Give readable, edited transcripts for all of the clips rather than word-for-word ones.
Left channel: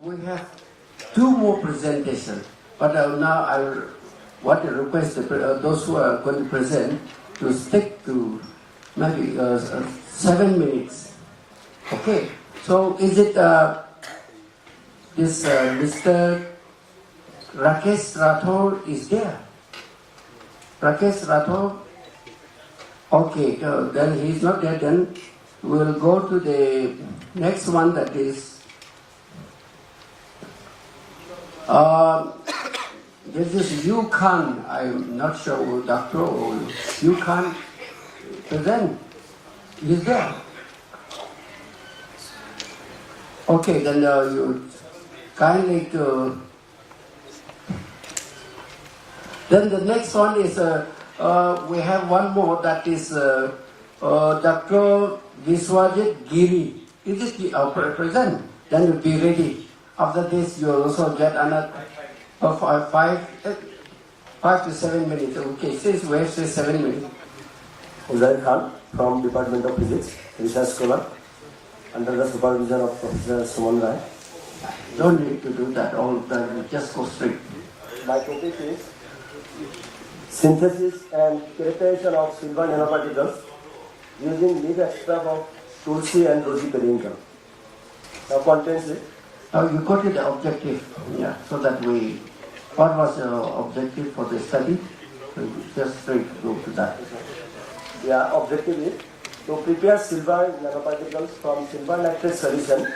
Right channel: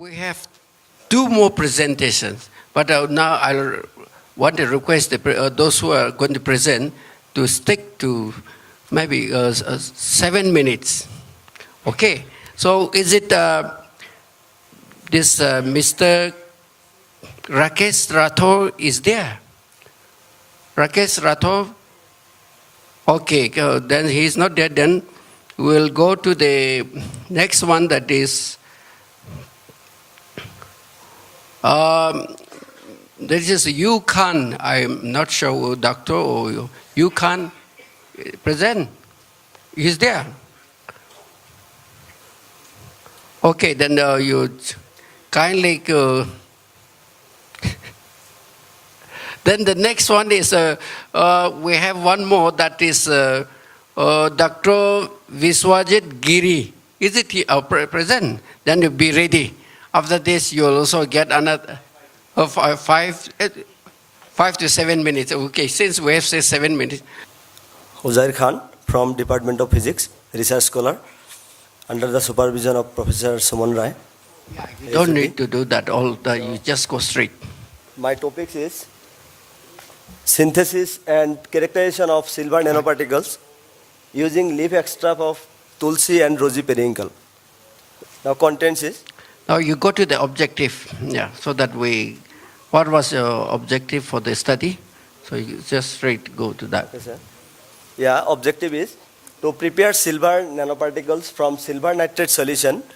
We have two more presentations, but now I want to request those who are going to present to stick to maybe 7 minutes. Okay, so is it this Mr. Rakesh Rathore is there? Rakesh Rathore? Okay, then he's not there. Then we'll go to the next one, that is this is you can. I'm not sure, doctor, or you can present. He's there. Okay, then you kindly. Then the next one is we have one more, that is Dr. Viswajit Giri. Is it present? Then you be ready. After this, you'll also get another 5 to 7 minutes. Okay, since we have said 7 minutes. Uzair Khan from Department of Physics, Research Scholar, under the supervision of Professor Suman Rai. Don't need to do that all that, you just go straight. My topic is synthesis and characterization of silver nanoparticles using leaf extract of tulsi and rosy periwinkle. Now contents is. Now you go to the objective, so that what was your objective for the study? So you just straight go to that. Yeah, objective is to prepare silver nanoparticles from silver nitrate solution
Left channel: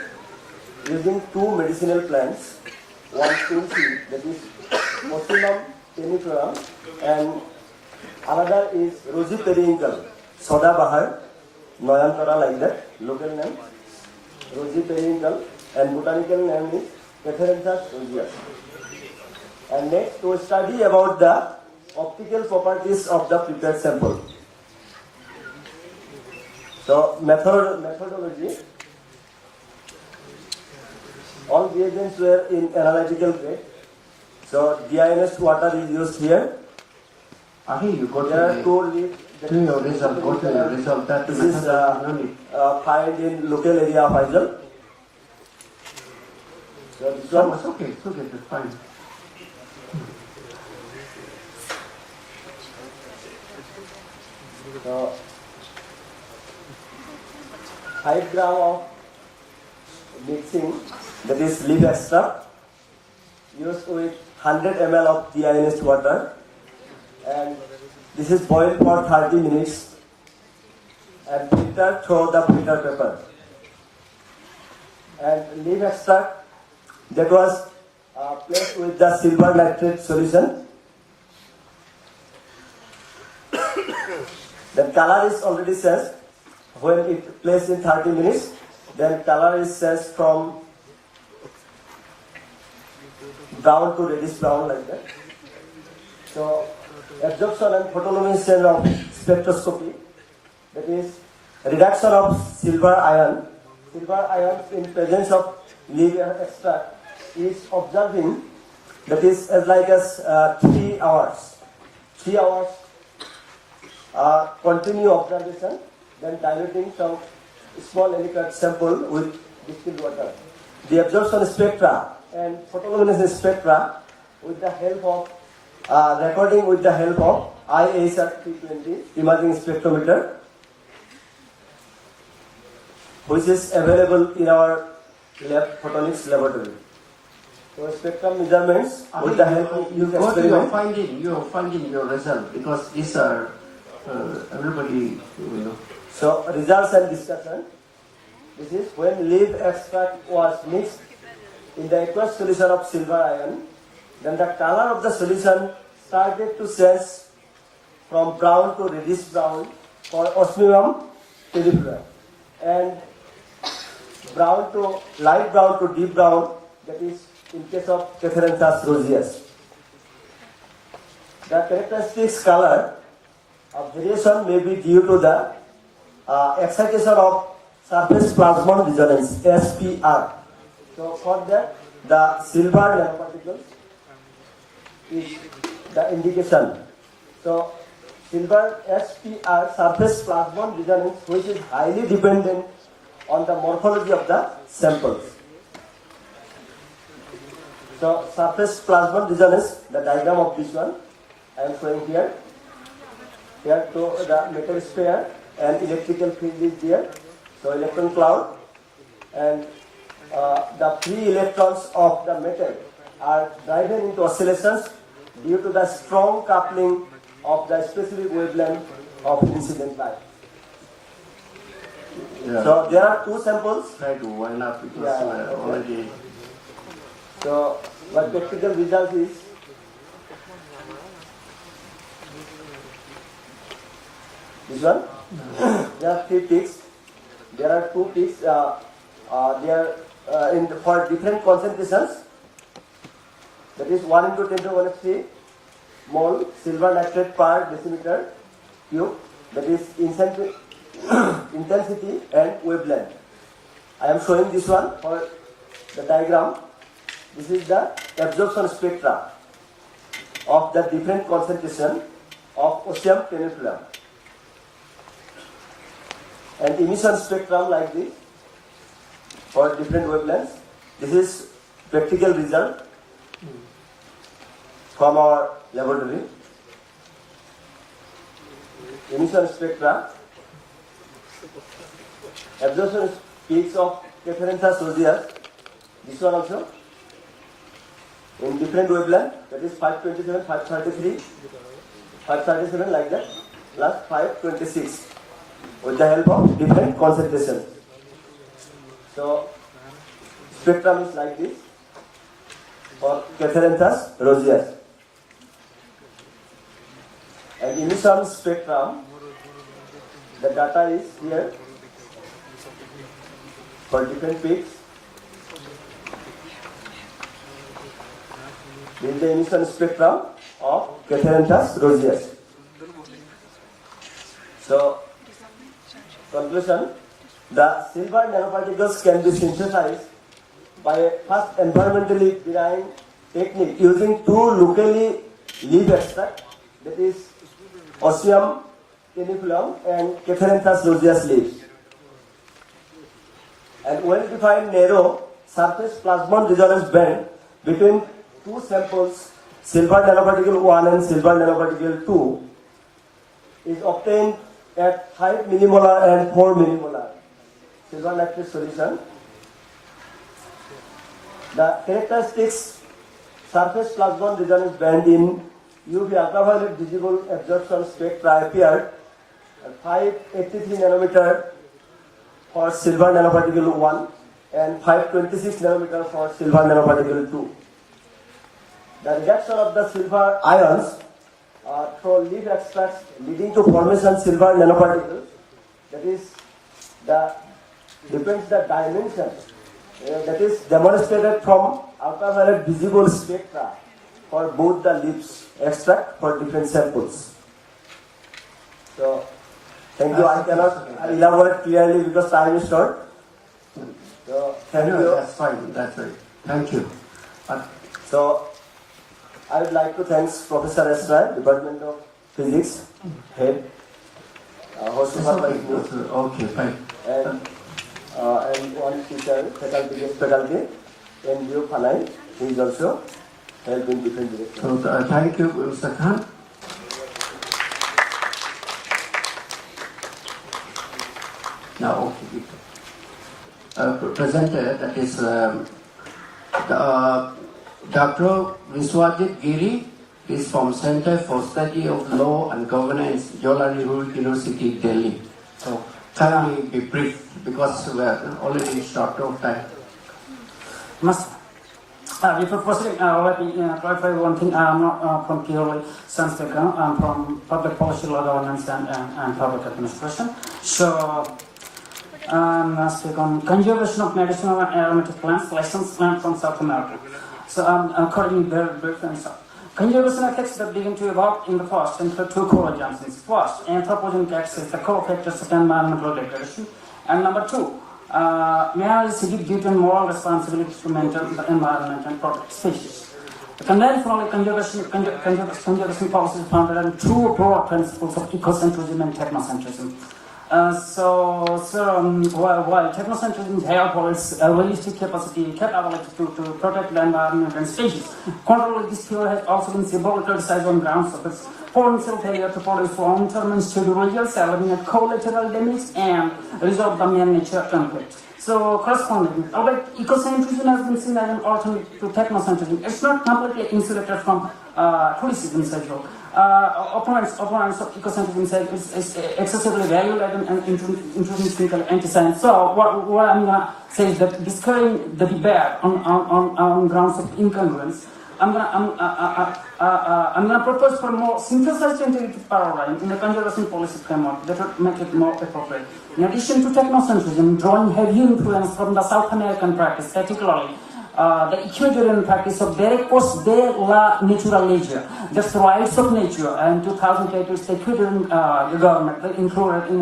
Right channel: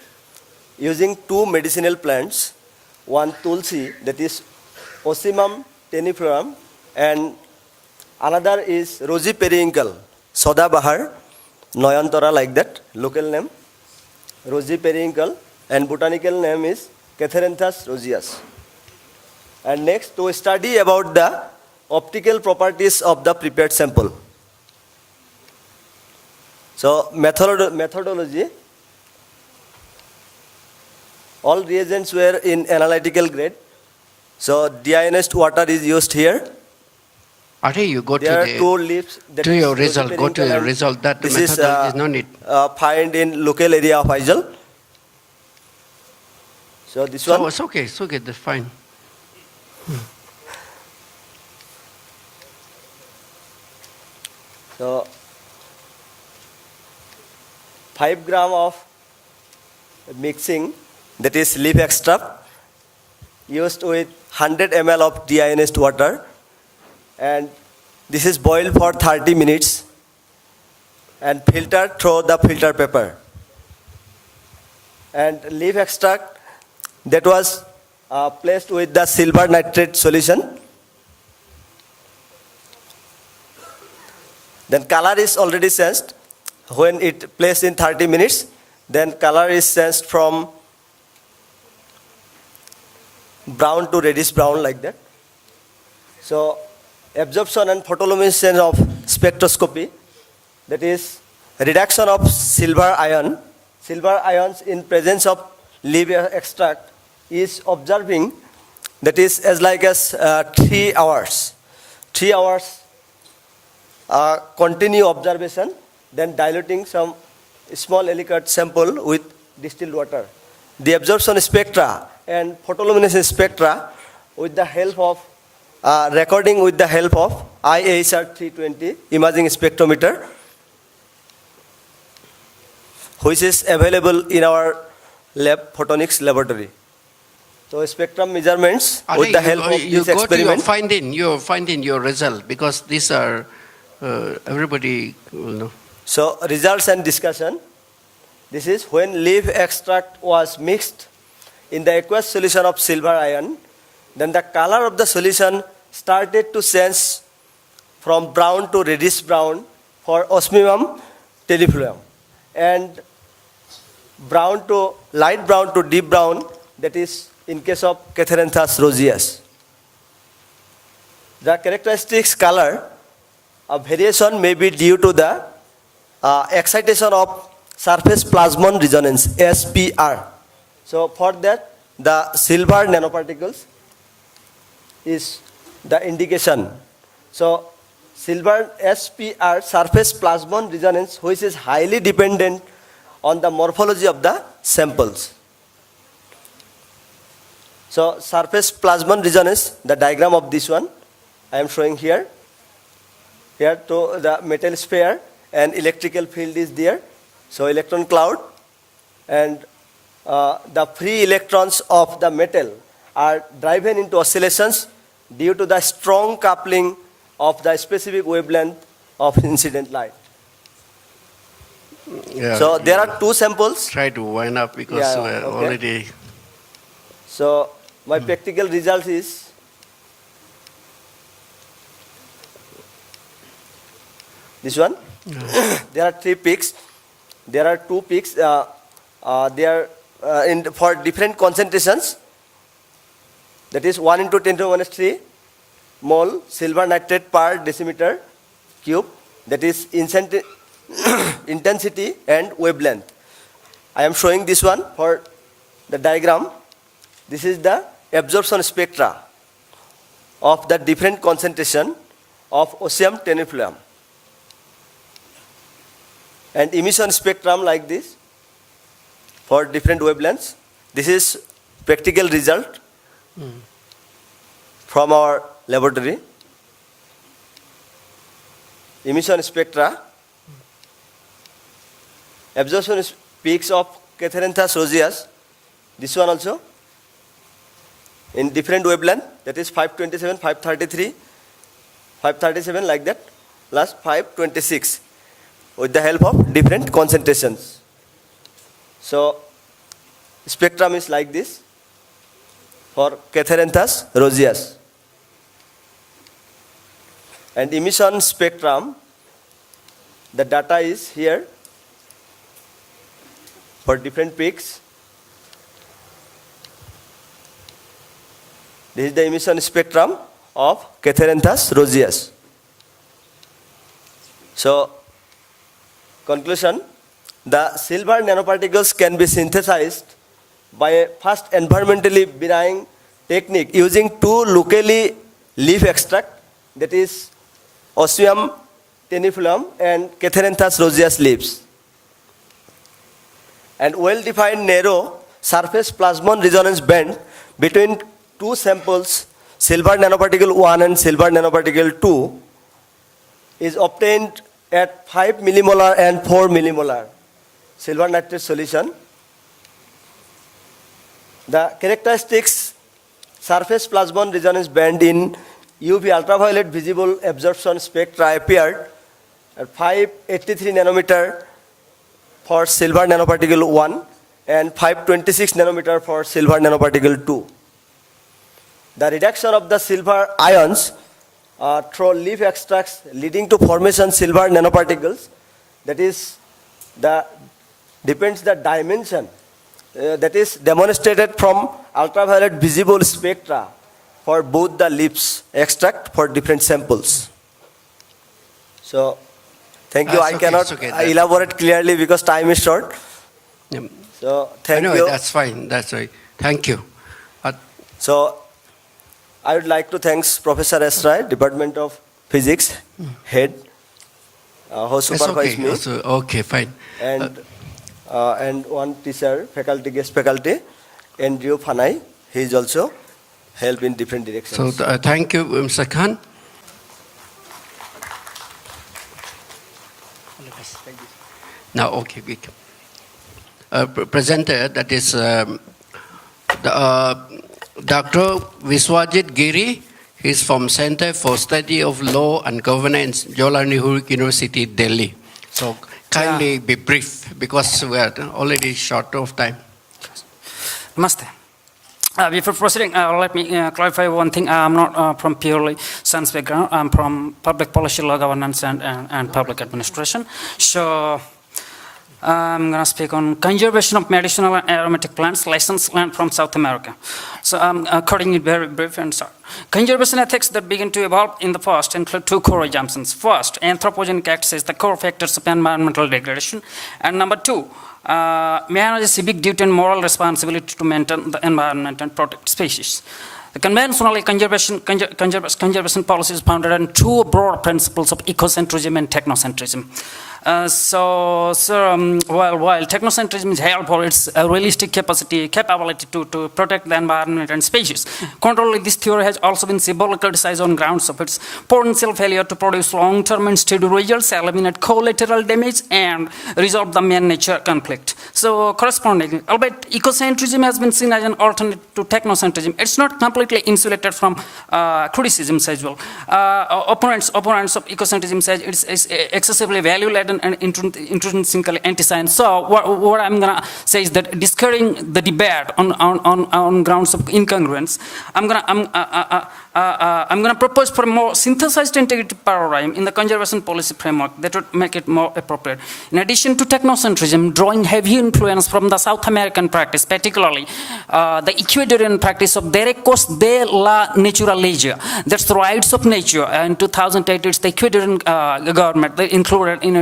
using two medicinal plants, one tulsi, that is Ocimum teniflorum, and another is rosy periwinkle, Sadabahar, Noyantara, like that, local name, rosy periwinkle, and botanical name is Catharanthus roseus. And next, to study about the optical properties of the prepared sample. So, methodology. All reagents were in analytical grade. So, deionized water is used here. You go there to your result. Go to your result. That this is no need. Find in local area of Aizel. So this one. It's okay. It's okay. That's fine. So 5 gram of mixing, that is leaf extract, used with 100 ml of deionized water, and this is boiled for 30 minutes and filtered through the filter paper. And leaf extract that was placed with the silver nitrate solution. Then color is already sensed. When it placed in 30 minutes, then color is sensed from brown to reddish brown, like that. So absorption and photoluminescence of spectroscopy, that is reduction of silver ions in presence of leaf extract is observing, that is as like as 3 hours. 3 hours continue observation, then diluting some small Ellicott sample with distilled water. The absorption spectra and photoluminescence spectra with the help of recording with the help of IHR 320 imaging spectrometer, which is available in our lab, photonics laboratory. So spectrum measurements with the help of you this go experiment. to your finding your result, because these are everybody will know. So results and discussion. This is when leaf extract was mixed in the aqueous solution of silver ion, then the color of the solution started to change from brown to reddish brown for Osmium teniflorum, and brown to light brown to deep brown, that is in case of Catharanthus roseus. The characteristics color variation may be due to the excitation of surface plasmon resonance, SPR. So for that, the silver nanoparticles is the indication. So silver SPR, surface plasmon resonance, which is highly dependent on the morphology of the samples. So surface plasmon resonance, the diagram of this one, I am showing here. Here to the metal sphere and electrical field is there. So electron cloud and the free electrons of the metal are driven into oscillations due to the strong coupling of the specific wavelength of incident light. Yeah. So there are two samples. Try to wind up because Yeah, we're okay. already. So my practical result is this one. There are 3 peaks. There are 2 peaks. They are for different concentrations. That is 1 into 10 to the minus 3 mole silver nitrate per decimeter cube. That is intensity and wavelength. I am showing this one for the diagram. This is the absorption spectra of the different concentration of osmium tenufluam. And emission spectrum like this for different wavelengths. This is practical result from our laboratory. Emission spectra, absorption peaks of Catharinthus roseus, this one also in different wavelength, that is 527, 533, 537 like that, plus 526 with the help of different concentrations. So spectrum is like this for Catharinthus roseus. And emission spectrum, the data is here for different peaks. This is the emission spectrum of Catharinthus roseus. So, conclusion, the silver nanoparticles can be synthesized by a fast environmentally benign technique using 2 locally leaf extract, that is osmium tenufluam and Catharinthus roseus leaves. And well-defined narrow surface plasmon resonance band between 2 samples, silver nanoparticle 1 and silver nanoparticle 2, is obtained at 5 millimolar and 4 millimolar silver nitrate solution. The characteristics surface plasmon resonance band in UV ultraviolet visible absorption spectra appeared at 583 nanometer for silver nanoparticle 1 and 526 nanometer for silver nanoparticle 2. The reduction of the silver ions through leaf extracts leading to formation silver nanoparticles, that is depends the dimension that is demonstrated from ultraviolet visible spectra for both the leaves extract for different samples. So thank you. That's I okay, cannot it's okay. elaborate clearly because time is short. Yeah. So thank Anyway, you. that's fine. That's right. Thank you. So I would like to thank Professor Esrai, Department of Physics, head, who It's supervised okay. me, It's okay, fine. and one teacher, faculty, guest faculty, Andrew Fanai. He is also help in different directions. So thank you, Mr. Khan. Now, okay, we presenter, that is Dr. Viswajit Giri. He's from Center for Study of Law and Governance, Jawaharlal Nehru University, Delhi. So kindly be brief because we are already short of time. Namaste. Before proceeding, let me clarify one thing. I'm not from purely science background. I'm from public policy, law governance, and public administration. So I'm going to speak on conservation of medicinal and aromatic plants, licensed land from South America. So accordingly, very brief and short. Conservation ethics that begin to evolve in the past include 2 core assumptions. First, anthropogenic acts is the core factors of environmental degradation. And number 2, man has a civic duty and moral responsibility to maintain the environment and protect species. The conventional conservation policy is founded on 2 broad principles of ecocentrism and technocentrism. While technocentrism is here for its realistic capability to protect the environment and species, contrarily, this theory has also been symbolically criticized on grounds of its potential failure to produce long-term and steady results, eliminate collateral damage, and resolve the man-nature conflict. So, correspondingly, albeit ecocentrism has been seen as an alternative to technocentrism, it's not completely insulated from criticisms as well. Opponents of ecocentrism say it's excessively value-laden and intrinsically anti-science. So what I'm gonna say is that discarding the debate on grounds of incongruence, I'm gonna propose for a more synthesized integrated paradigm in the conservation policy framework that would make it more appropriate. In addition to technocentrism, drawing heavy influence from the South American practice, particularly the Ecuadorian practice of derechos de la naturaleza, that's the rights of nature. In 2008, it's the Ecuadorian government they included in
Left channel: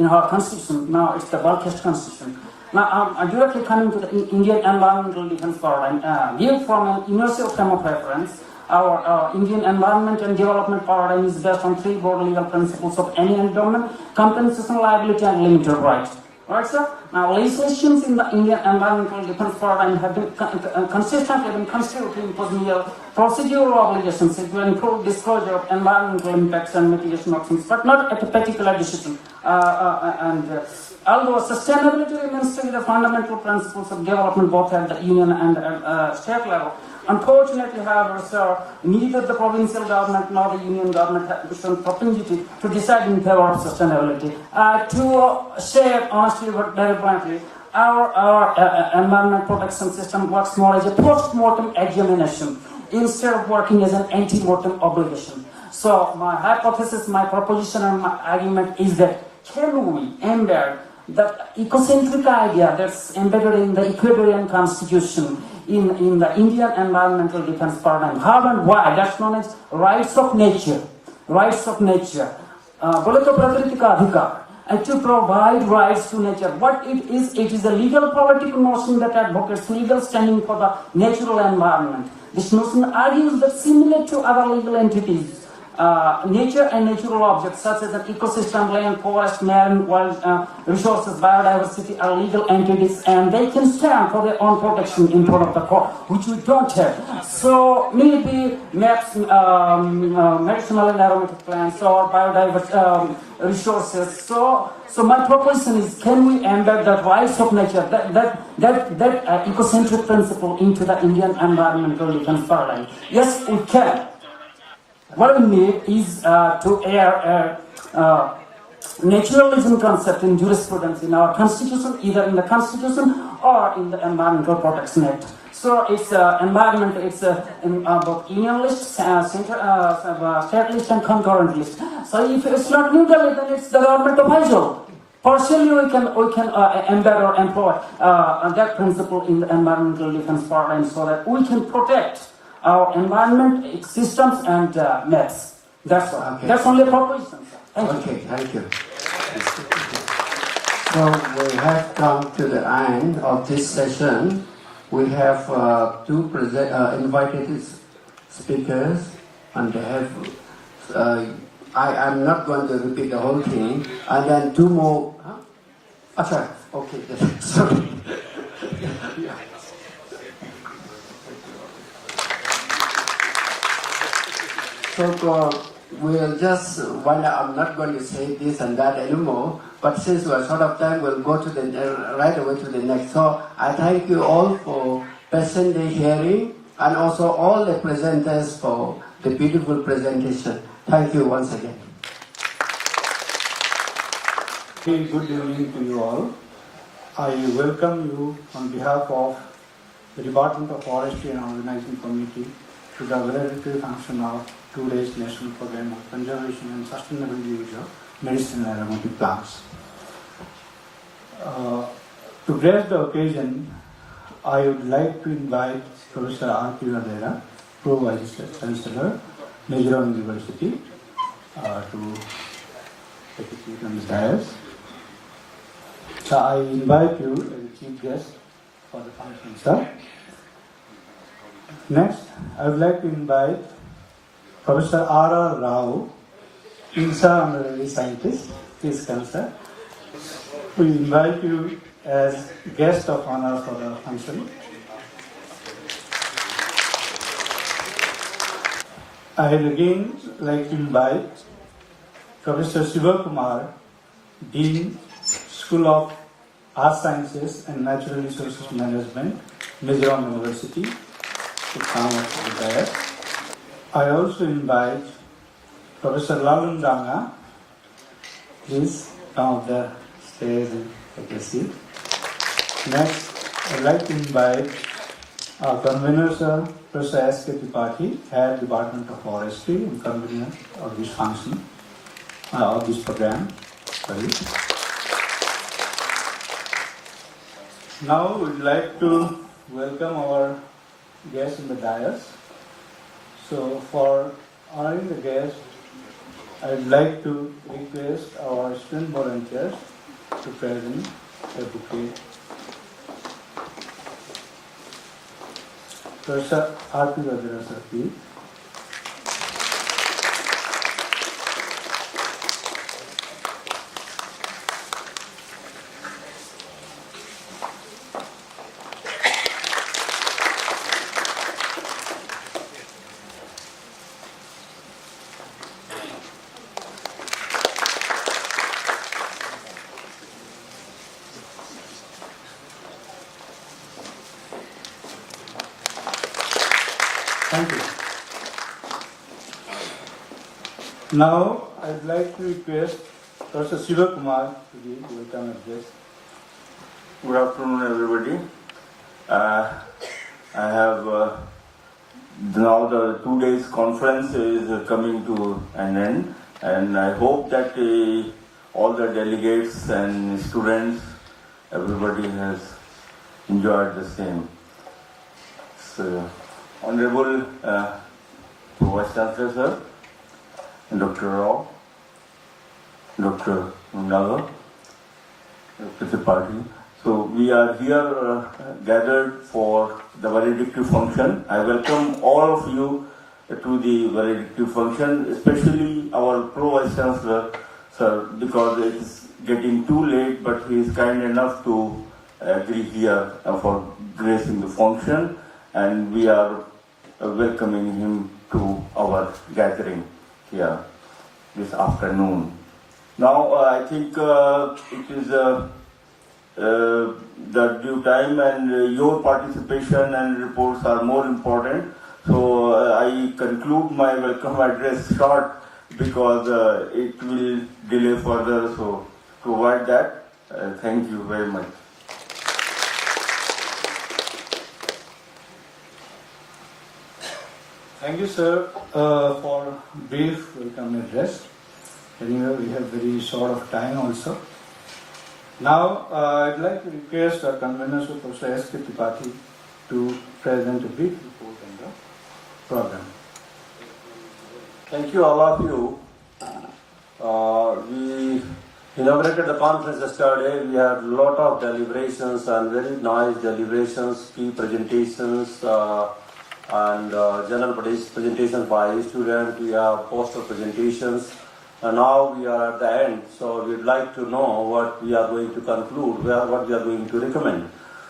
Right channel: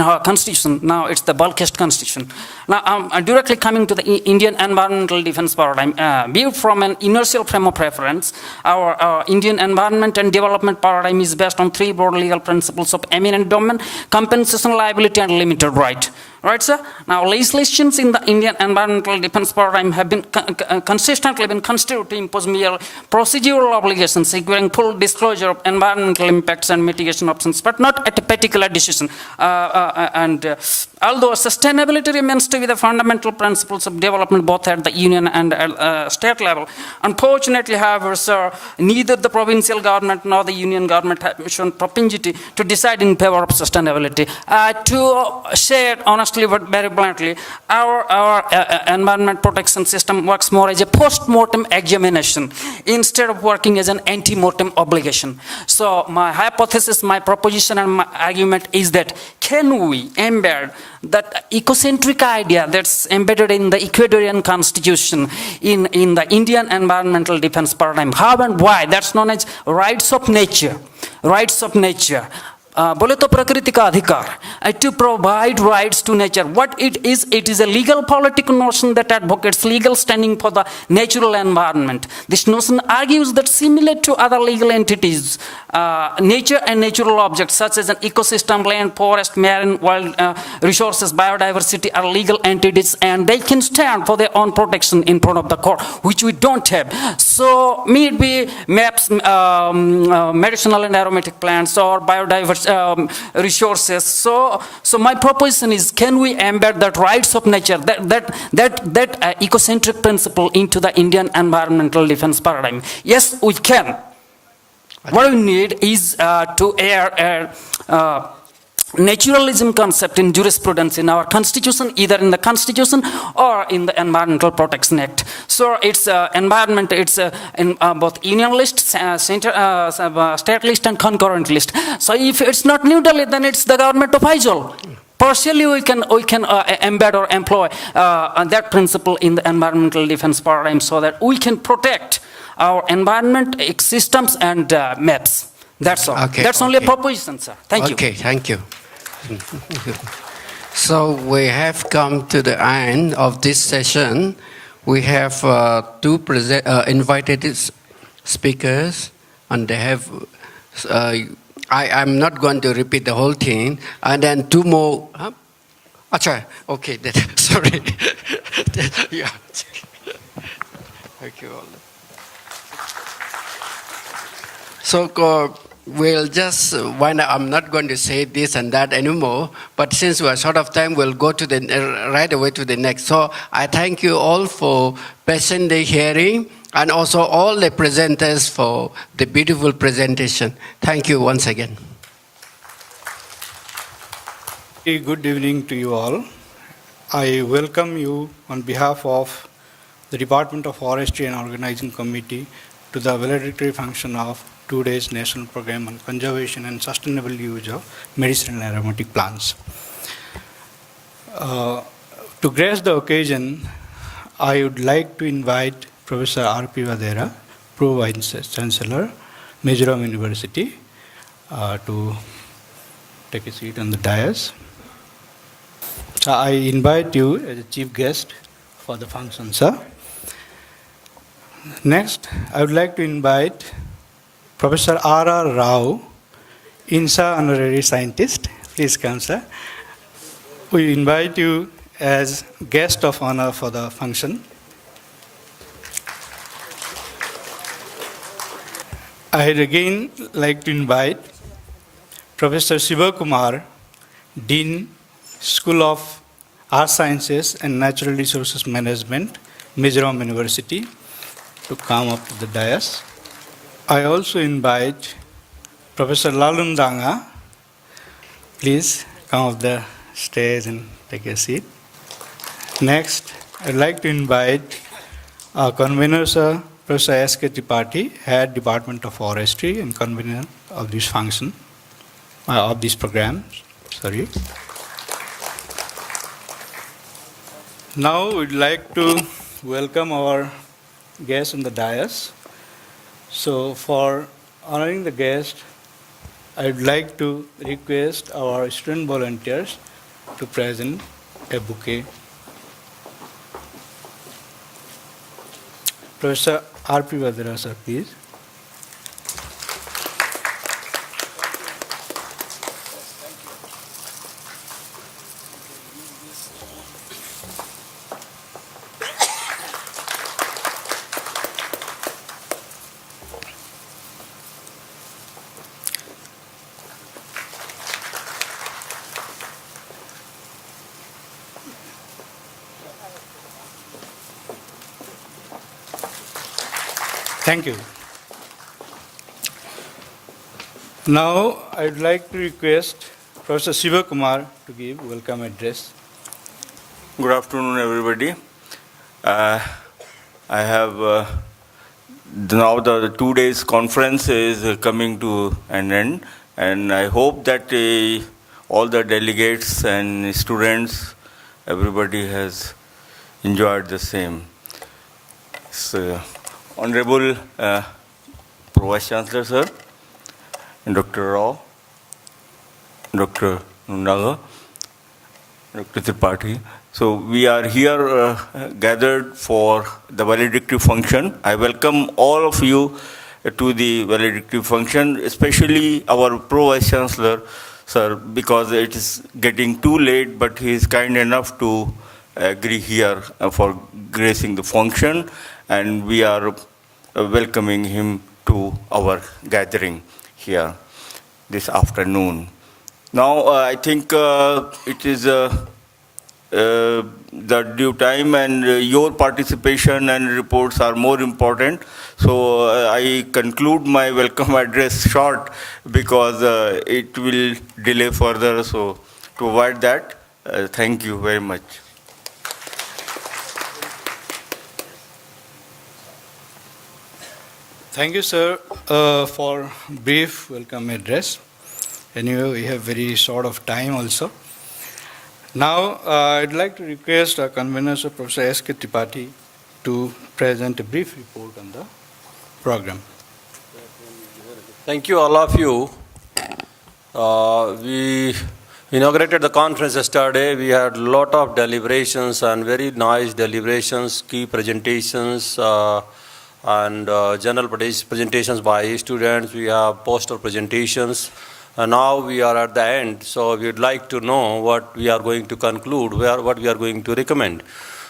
our constitution. Now it's the bulkiest constitution. Now I'm directly coming to the Indian environmental defense paradigm. Viewed from an inertial frame of reference, our Indian environment and development paradigm is based on three broad legal principles of eminent domain, compensation, liability, and limited right. Right, sir? Now, legislations in the Indian environmental defense paradigm have been consistently been construed to impose mere procedural obligations securing full disclosure of environmental impacts and mitigation options, but not at a particular decision. Although sustainability remains to be the fundamental principles of development both at the union and state level, unfortunately, however, sir, neither the provincial government nor the union government have shown propensity to decide in favor of sustainability. To share honestly but very bluntly, our environment protection system works more as a post-mortem examination instead of working as an ante-mortem obligation. So my hypothesis, my proposition and my argument is that can we embed that ecocentric idea that's embedded in the Ecuadorian constitution in the Indian environmental defense paradigm? How and why? That's known as rights of nature. Rights of nature. बोले तो प्रकृति का अधिकार to provide rights to nature. What it is a legal political notion that advocates legal standing for the natural environment. This notion argues that similar to other legal entities, nature and natural objects such as an ecosystem, land, forest, marine, wild resources, biodiversity are legal entities and they can stand for their own protection in front of the court, which we don't have. So, may it be maps, medicinal and aromatic plants or biodiversity resources. So my proposition is: can we embed that rights of nature, that ecocentric principle into the Indian environmental defense paradigm? Yes, we can. What we need is to air naturalism concept in jurisprudence in our constitution, either in the constitution or in the Environmental Protection Act. So it's environment, it's in both union list, state list and concurrent list. So if it's not neutral, then it's the government of Aizol. Partially we can embed or employ that principle in the environmental defense paradigm so that we can protect our environment, systems and maps. That's all. Okay, that's only a proposition, sir. Thank you. Okay, thank you. So we have come to the end of this session. We have two invited speakers, and they have. I'm not going to repeat the whole thing. And then two more. Huh? Achha, okay. Sorry. Yeah. Thank you. So we'll just, I'm not going to say this and that anymore, but since we're short of time, we'll go to right away to the next. So I thank you all for patiently hearing, and also all the presenters for the beautiful presentation. Thank you once again. Good evening to you all. I welcome you on behalf of the Department of Forestry and Organizing Committee to the valedictory function of today's National Program on Conservation and Sustainable Use of Medicinal and Aromatic Plants. To grace the occasion, I would like to invite Professor R.P. Vadera, Pro-Vice Chancellor, Mizoram University, to take a seat on the dais. I invite you as a chief guest for the function, sir. Next, I would like to invite Professor R.R. Rao, INSA Honorary Scientist. Please come, sir. we invite you as guest of honor for the function. I'd again like to invite Professor Shiva Kumar, Dean, School of Art Sciences and Natural Resources Management, Mizoram University, to come up to the dais. I also invite Professor Lalun Danga. Please come up the stage and take a seat. Next, I'd like to invite our convener, Sir, Professor S.K. Tripathi, Head Department of Forestry and convener of this function, of this program. Sorry. Now we'd like to welcome our guests on the dais. So for honoring the guest, I'd like to request our student volunteers to present a bouquet. Professor R.P. Vadera, sir, please. Thank you. Now, I'd like to request Professor Shiva Kumar to give welcome address. Good afternoon, everybody. I have now the 2 days conference is coming to an end, and I hope that all the delegates and students, everybody has enjoyed the same. So, Honorable Vice Chancellor, sir, Dr. Rao, Dr. Nundaga, Dr. Tripathi. So we are here gathered for the valedictory function. I welcome all of you to the valedictory function, especially our Vice Chancellor, sir, because it is getting too late, but he is kind enough to agree here for gracing the function, and we are welcoming him to our gathering here this afternoon. Now I think it is the due time, and your participation and reports are more important. So I conclude my welcome address short because it will delay further. So to avoid that, thank you very much. Thank you, sir, for brief welcome address. Anyway, we have very short of time also. Now, I'd like to request our convener, Professor S.K. Tripathi, to present a brief report on the program. Thank you, all of you. We inaugurated the conference yesterday. We had a lot of deliberations and very nice deliberations, key presentations, and general presentations by students. We have poster presentations. And now we are at the end, so we would like to know what we are going to conclude, what we are going to recommend.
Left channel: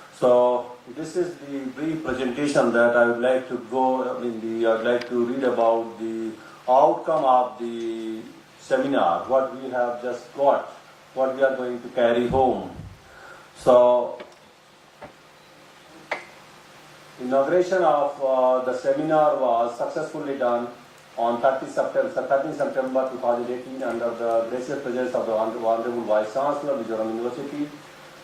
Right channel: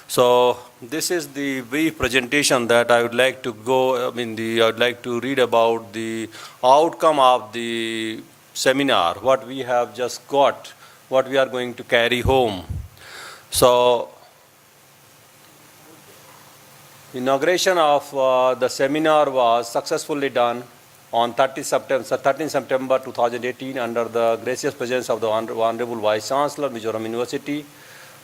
So this is the brief presentation that I would like to go. I'd like to read about the outcome of the seminar, what we have just got, what we are going to carry home. So inauguration of the seminar was successfully done on 13 September 2018 under the gracious presence of the Honorable Vice Chancellor, Mizoram University,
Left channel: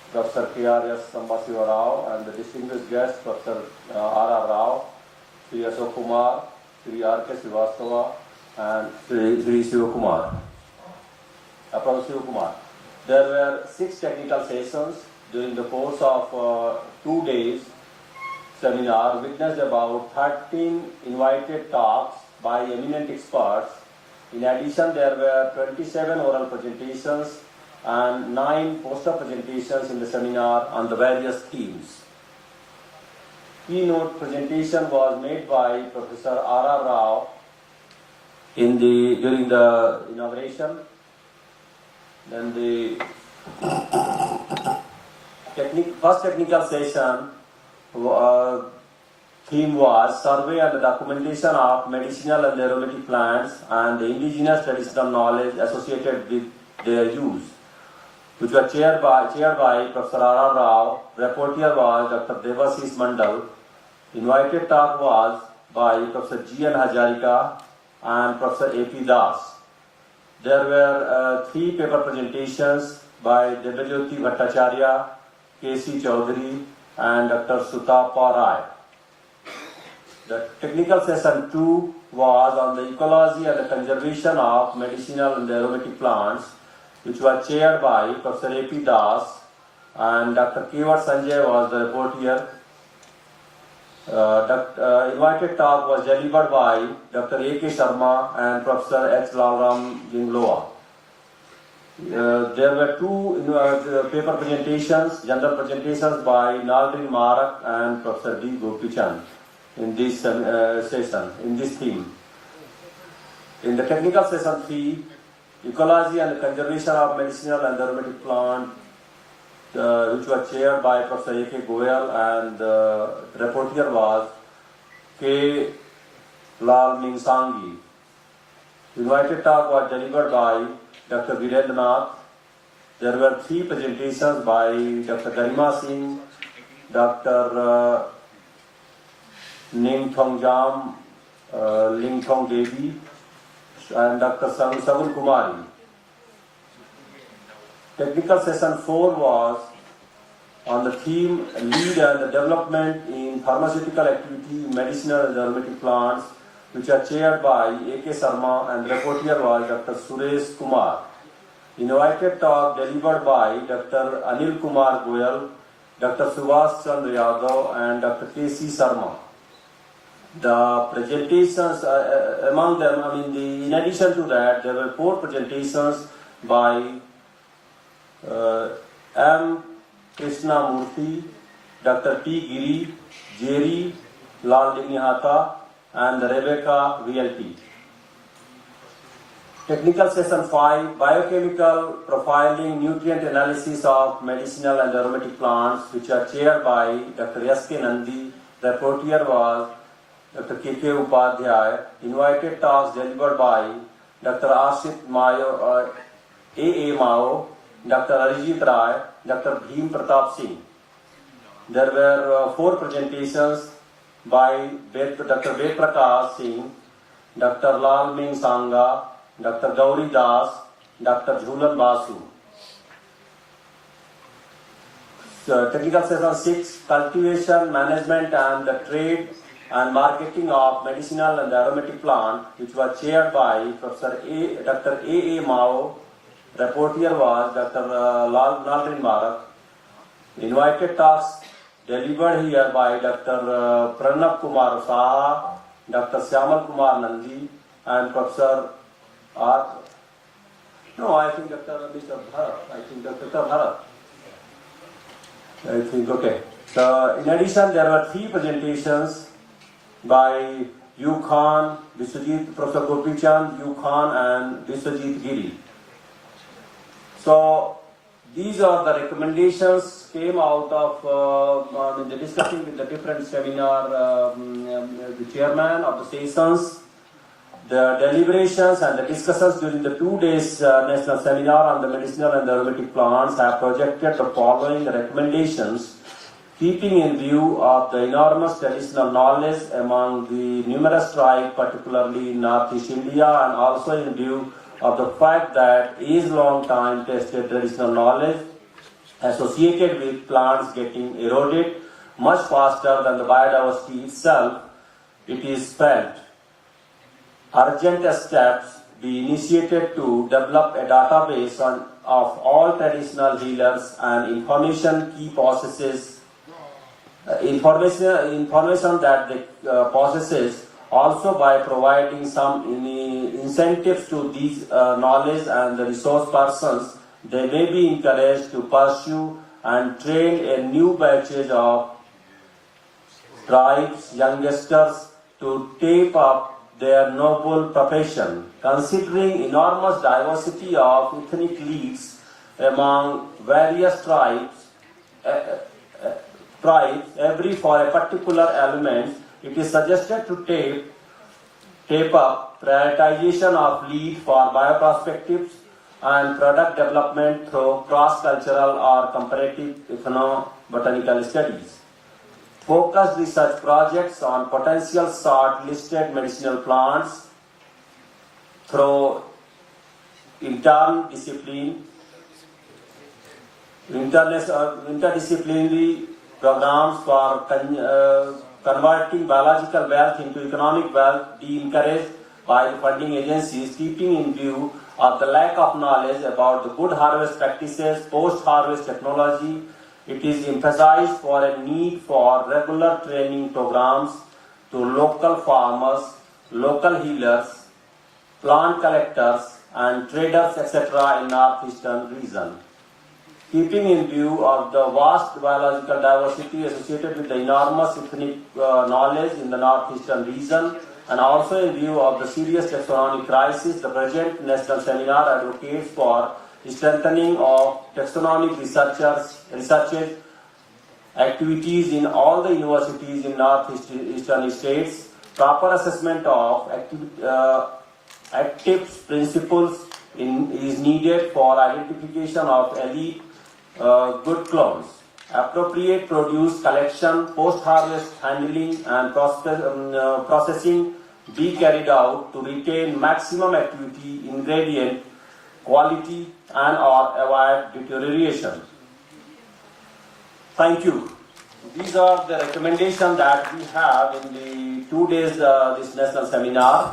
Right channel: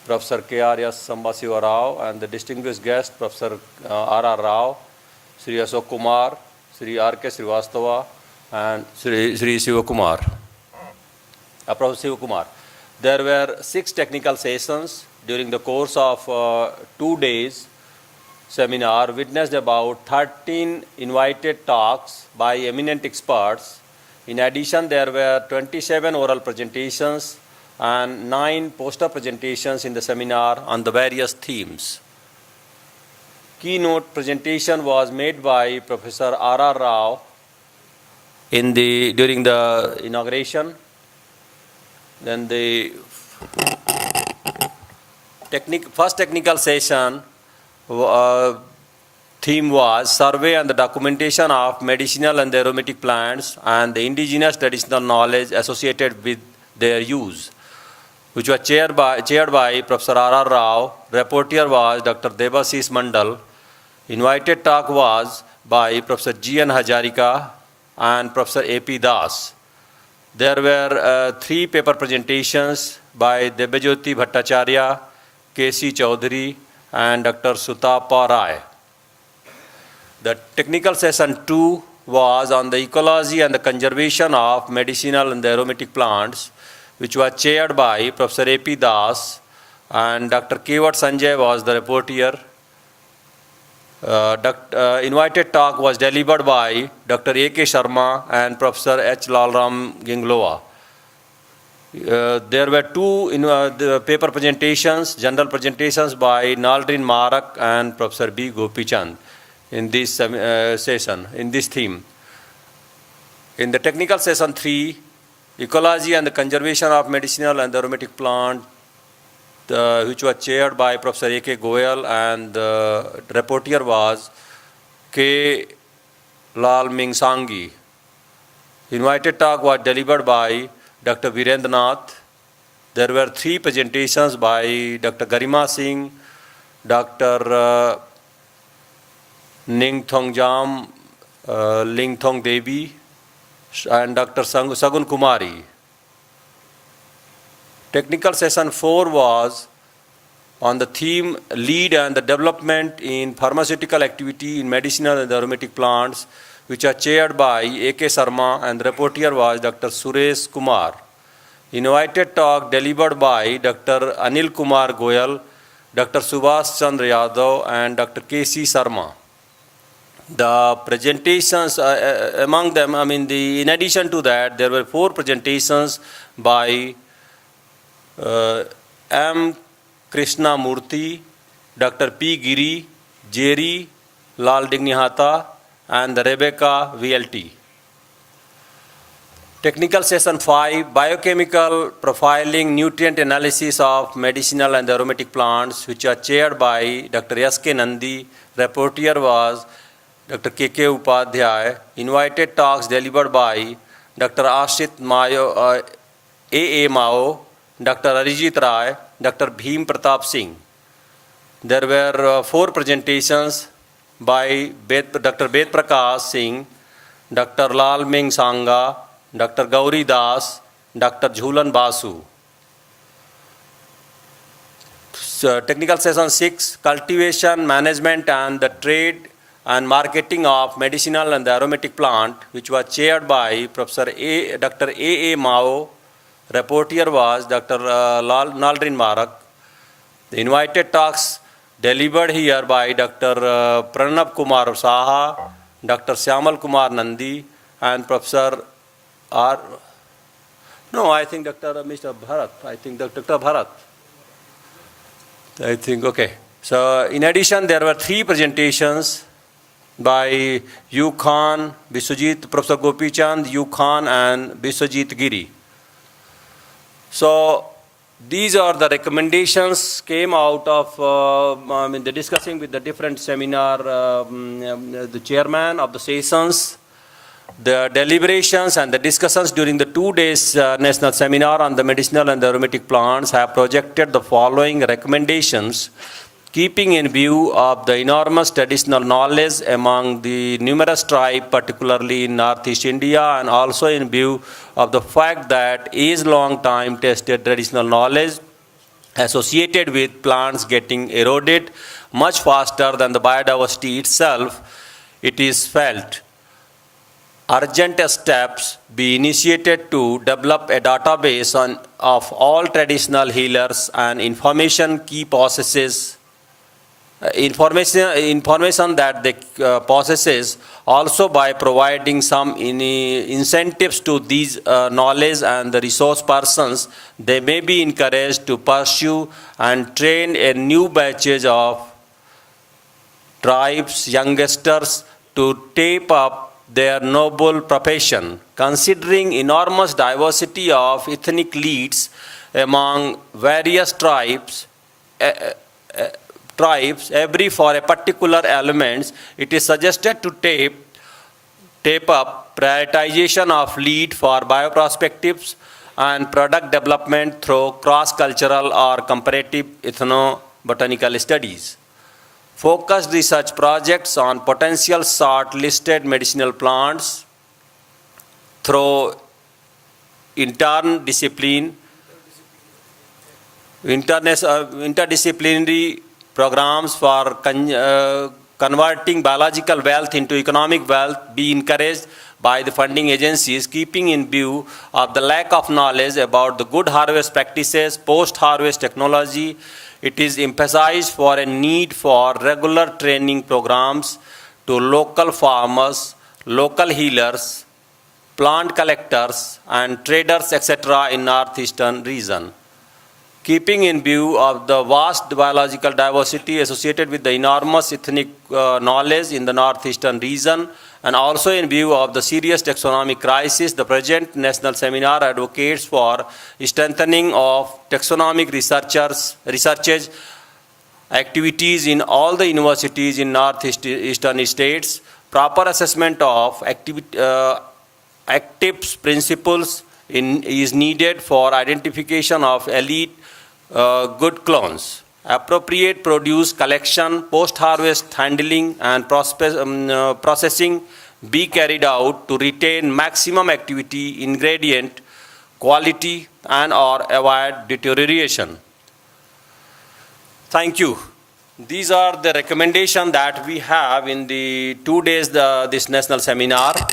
Professor K.R.S. Sambasiva Rao, and the distinguished guest, Professor R.R. Rao, Sri Ashok Kumar, Sri R.K. Srivastava, and Sri Shiva Kumar. Professor Shiva Kumar. There were 6 technical sessions during the course of 2 days. Seminar witnessed about 13 invited talks by eminent experts. In addition, there were 27 oral presentations and 9 poster presentations in the seminar on the various themes. Keynote presentation was made by Professor R.R. Rao during the inauguration. Then the first technical session theme was survey and the documentation of medicinal and aromatic plants and the indigenous traditional knowledge associated with their use, which was chaired by Professor R.R. Rao. Rapporteur was Dr. Debasis Mandal. Invited talk was by Professor G.N. Hajarika and Professor A.P. Das. There were 3 paper presentations by Debajyoti Bhattacharya, K.C. Chaudhary and Dr. Sutapa Rai. The technical session 2 was on the ecology and the conservation of medicinal and aromatic plants, which was chaired by Professor A.P. Das and Dr. Kevat Sanjay was the rapporteur. Invited talk was delivered by Dr. A.K. Sharma and Professor H. Lalram Ginglova. There were 2 paper presentations, general presentations by Naldrin Marak and Professor B. Gopichand in this session, in this theme. In the technical session 3, ecology and the conservation of medicinal and aromatic plant, which was chaired by Professor A.K. Goyal and the rapporteur was K. Lal Mingsangi. Invited talk was delivered by Dr. Virendranath. There were 3 presentations by Dr. Garima Singh, Dr. Ning Thong Jam, Ling Thong Devi and Dr. Sagun Kumari. Technical session 4 was on the theme lead and the development in pharmaceutical activity in medicinal and aromatic plants, which are chaired by A.K. Sharma and the rapporteur was Dr. Suresh Kumar. Invited talk delivered by Dr. Anil Kumar Goyal, Dr. Subhash Chandra Yadav and Dr. K.C. Sharma. The presentations, among them, in addition to that, there were 4 presentations by M. Krishna Murthy, Dr. P. Giri, Jerry Lal Dignihata and Rebecca VLT. Technical session 5, biochemical profiling nutrient analysis of medicinal and aromatic plants, which are chaired by Dr. S.K. Nandi. Rapporteur was Dr. K.K. Upadhyay. Invited talks delivered by Dr. Ashit Mayo, A.A. Mao, Dr. Arijit Rai, Dr. Bhim Pratap Singh. There were 4 presentations by Dr. Ved Prakash Singh, Dr. Lal Ming Sangha, Dr. Gauri Das, Dr. Jhulan Basu. So, technical session 6, cultivation, management and the trade and marketing of medicinal and aromatic plant, which was chaired by Professor Dr. A.A. Mao. Rapporteur was Dr. Naldrin Marak. The invited talks delivered here by Dr. Pranab Kumar Saha, Dr. Syamal Kumar Nandi and Professor R. No, I think Dr. Mr. Bharat. I think Dr. Bharat. I think, okay. So, in addition, there were 3 presentations by U. Khan, Biswajit, Professor Gopichand, U. Khan and Biswajit Giri. So, these are the recommendations came out of the discussing with the different seminar, the chairman of the sessions, the deliberations and the discussions during the 2 days national seminar on the medicinal and the aromatic plants have projected the following recommendations, keeping in view of the enormous traditional knowledge among the numerous tribes, particularly in Northeast India, and also in view of the fact that age-long time tested traditional knowledge associated with plants getting eroded much faster than the biodiversity itself, it is felt urgent steps be initiated to develop a database of all traditional healers and information key processes, information that they possesses, also by providing some incentives to these knowledge and the resource persons. They may be encouraged to pursue and train a new batches of tribes, youngsters to take up their noble profession, considering enormous diversity of ethnic leads among various tribes, every for a particular elements, it is suggested to tape up prioritization of lead for bioprospectives and product development through cross-cultural or comparative ethnobotanical studies. Focused research projects on potential short-listed medicinal plants through interdisciplinary programs for converting biological wealth into economic wealth be encouraged by the funding agencies, keeping in view of the lack of knowledge about the good harvest practices, post-harvest technology. It is emphasized for a need for regular training programs to local farmers, local healers, plant collectors and traders, etc. in northeastern region. Keeping in view of the vast biological diversity associated with the enormous ethnic knowledge in the northeastern region, and also in view of the serious taxonomic crisis, the present national seminar advocates for strengthening of taxonomic researches activities in all the universities in northeastern states, proper assessment of actives principles is needed for identification of elite good clones. Appropriate produce collection, post-harvest handling and processing be carried out to retain maximum activity, ingredient, quality and or avoid deterioration. Thank you. These are the recommendations that we have in the 2 days this national seminar,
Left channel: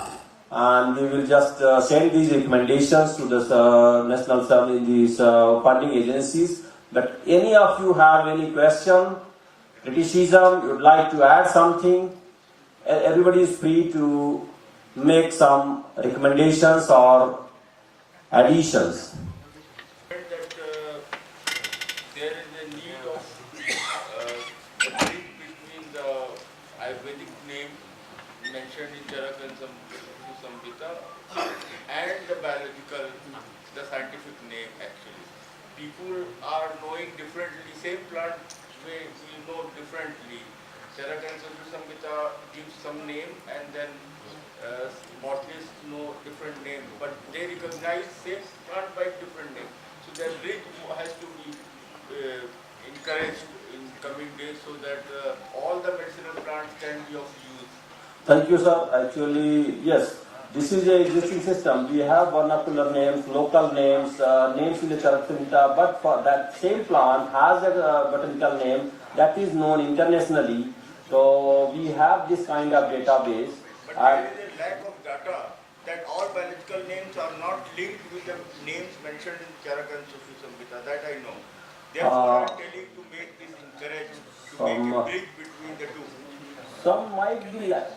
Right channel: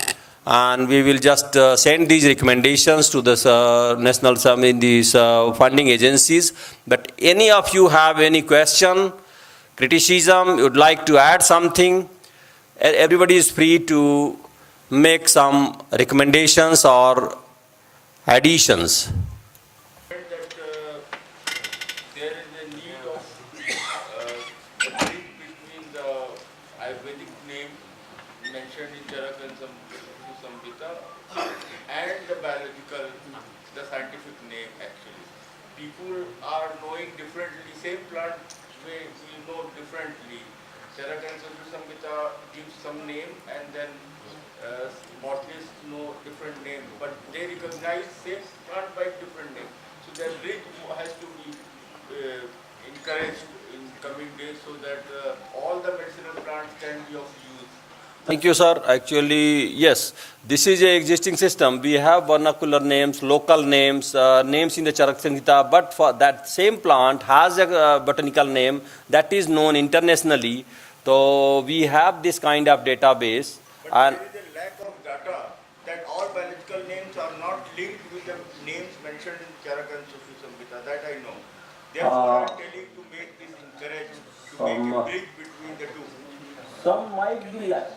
and we will just send these recommendations to the national these funding agencies. But any of you have any question, criticism, would like to add something, everybody is free to make some recommendations or additions. That there is a need of a bridge between the Ayurvedic name mentioned in Charakansam Samhita and the biological, the scientific name actually. People are knowing differently, same plant we know differently. Charakansam Samhita gives some name and then botanists know different name, but they recognize same plant by different name. So that bridge has to be encouraged in coming days so that all the medicinal plants can be of use. Thank you, sir. Actually, yes, this is a existing system. We have vernacular names, local names, names in the Charak Samhita, but for that same plant has a botanical name that is known internationally. So we have this kind of database. There is a lack of data that all biological names are not linked with the names mentioned in Charakansam Samhita. That I know. Therefore, I am telling to make this encouraged, to make a bridge between the two. Some might be like.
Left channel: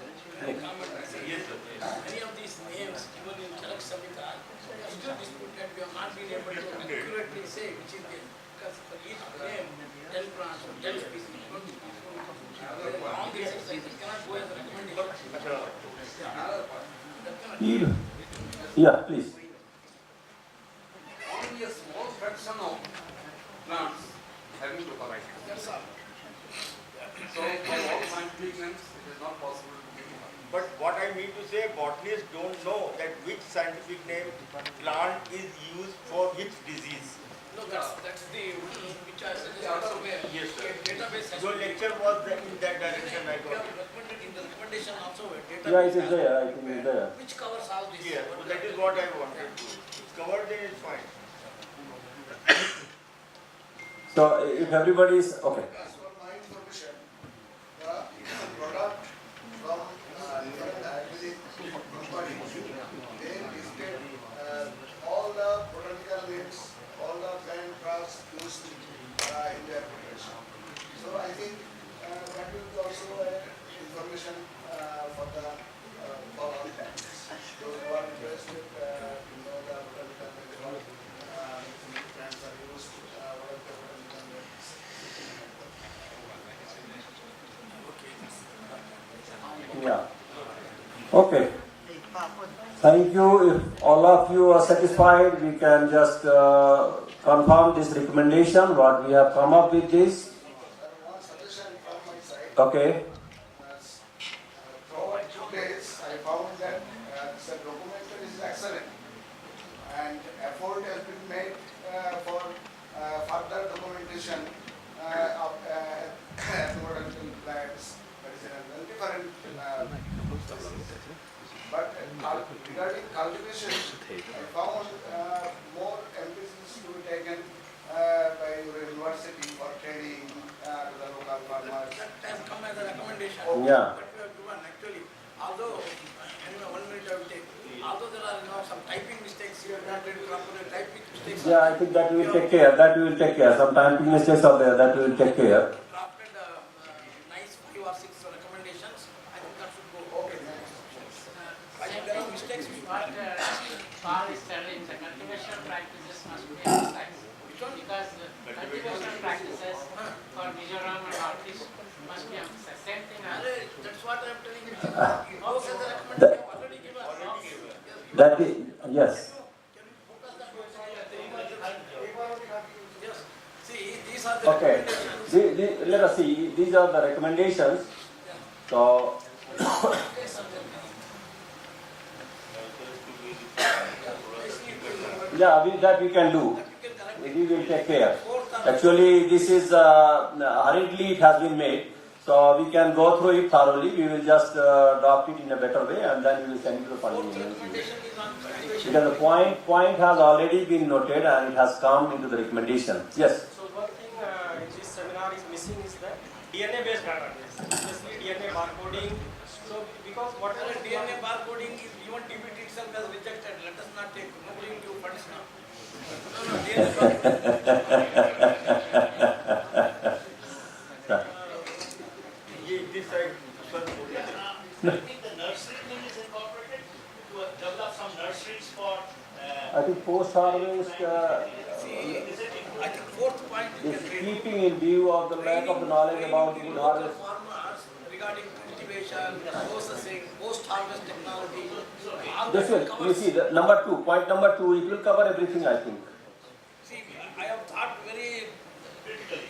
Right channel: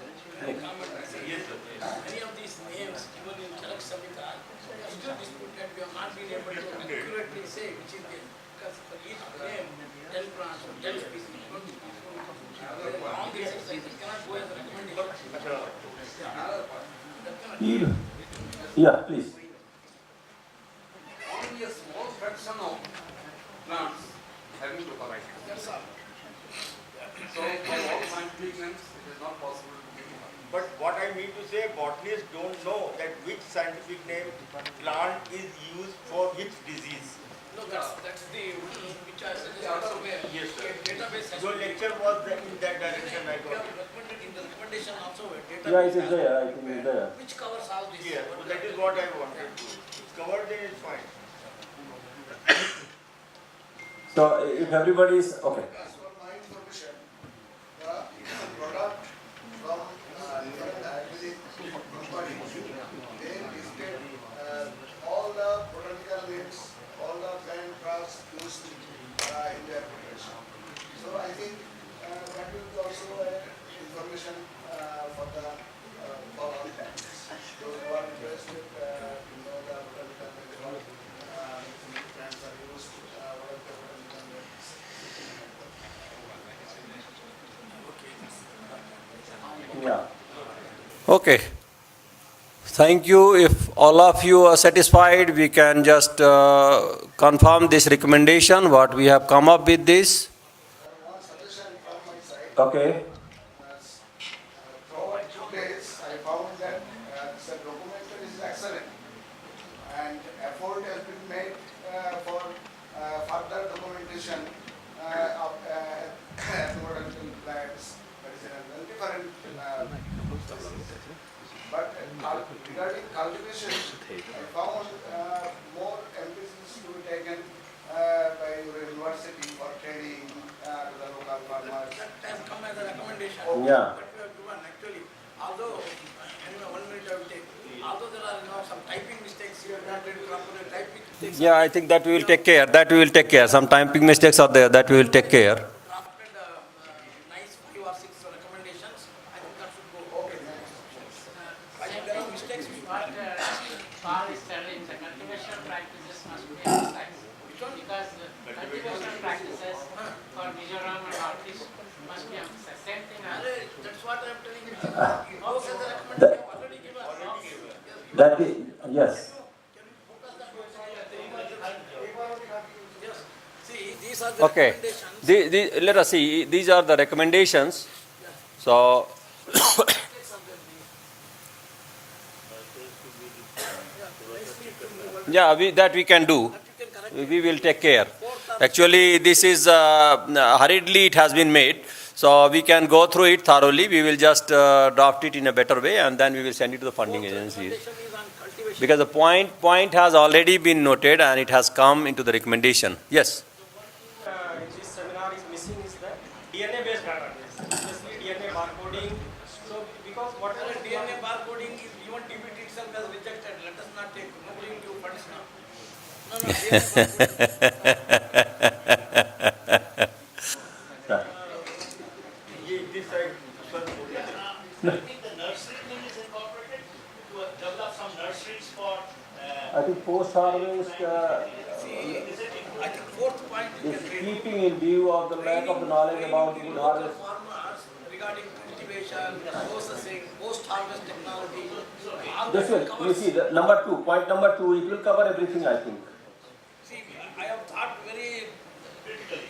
Yes, sir. Many of these names, even in Charak Samhita, still dispute that we have not been able to accurately say which is the, because for each name, 10 plants or 10 species, 20 species, long exercise, it cannot go as a recommendation. Yeah, please. Only a small fraction of plants having to collect. That's all. So, for all scientific names, it is not possible to give one. But what I mean to say, botanists don't know that which scientific name plant is used for which disease. No, that's the which I suggested also where Yes, sir. database has Your to be. lecture was in that direction, I We got have it. recommended in the recommendation also where database Yeah, it is has there. to I think it's there. which covers all this. Yeah, so that is what I wanted to. It's covered, then it's fine. So if everybody is okay. As for my information, the product from different Ayurvedic companies, they listed all the botanical names, all the plant drugs used in their preparation. So I think that will be also information for all plants. Those who are interested to know the botanical names, what plants are used, what are the botanical names. Yeah. Okay. Thank you. If all of you are satisfied, we can just confirm this recommendation, what we have come up with this. One suggestion from my side. Okay. Throughout 2 days, I found that the documentation is excellent, and effort has been made for further documentation of botanical plants, medicinal, and different. But regarding cultivation, I found more emphasis to be taken by your university for training to the local farmers. That has come as a recommendation. Yeah. But we have given actually, although, anyway, 1 minute I will take. Although there are some typing mistakes, you have not written properly typing mistakes. Yeah, I think that we will take care. That we will take care. Some typing mistakes are there. That we will take care. After the nice 5 or 6 recommendations, I think that should go. Okay, I think there are mistakes which What Paul is telling, the cultivation practices must be emphasized. Because the cultivation practices for Mizoram and Artists must be emphasized. Same thing as That's what I am telling you. Those are the recommendations you have already given. That is, yes. Yes. See, these are the Okay. recommendations. Let us see. These are the recommendations. So. Yeah, that we can do. We will take care. Actually, this is hurriedly it has been made. So we can go through it thoroughly. We will just draft it in a better way, and then we will send it to the funding agencies. Because the point has already been noted and it has come into the recommendation. Yes. So one thing in this seminar is missing is that DNA based database, especially DNA barcoding. So because whatever DNA barcoding is even DBT itself has rejected. Let us not take nobody will give funds now. I think the nursery thing is incorporated to develop some nurseries for. I think post-harvest I think fourth point you is can read. keeping in view of the lack of the knowledge about good harvest. Farmers regarding cultivation, processing, post-harvest technology. all This that will, covers- you see, the point number 2, it will cover everything, I think. See, I have thought very,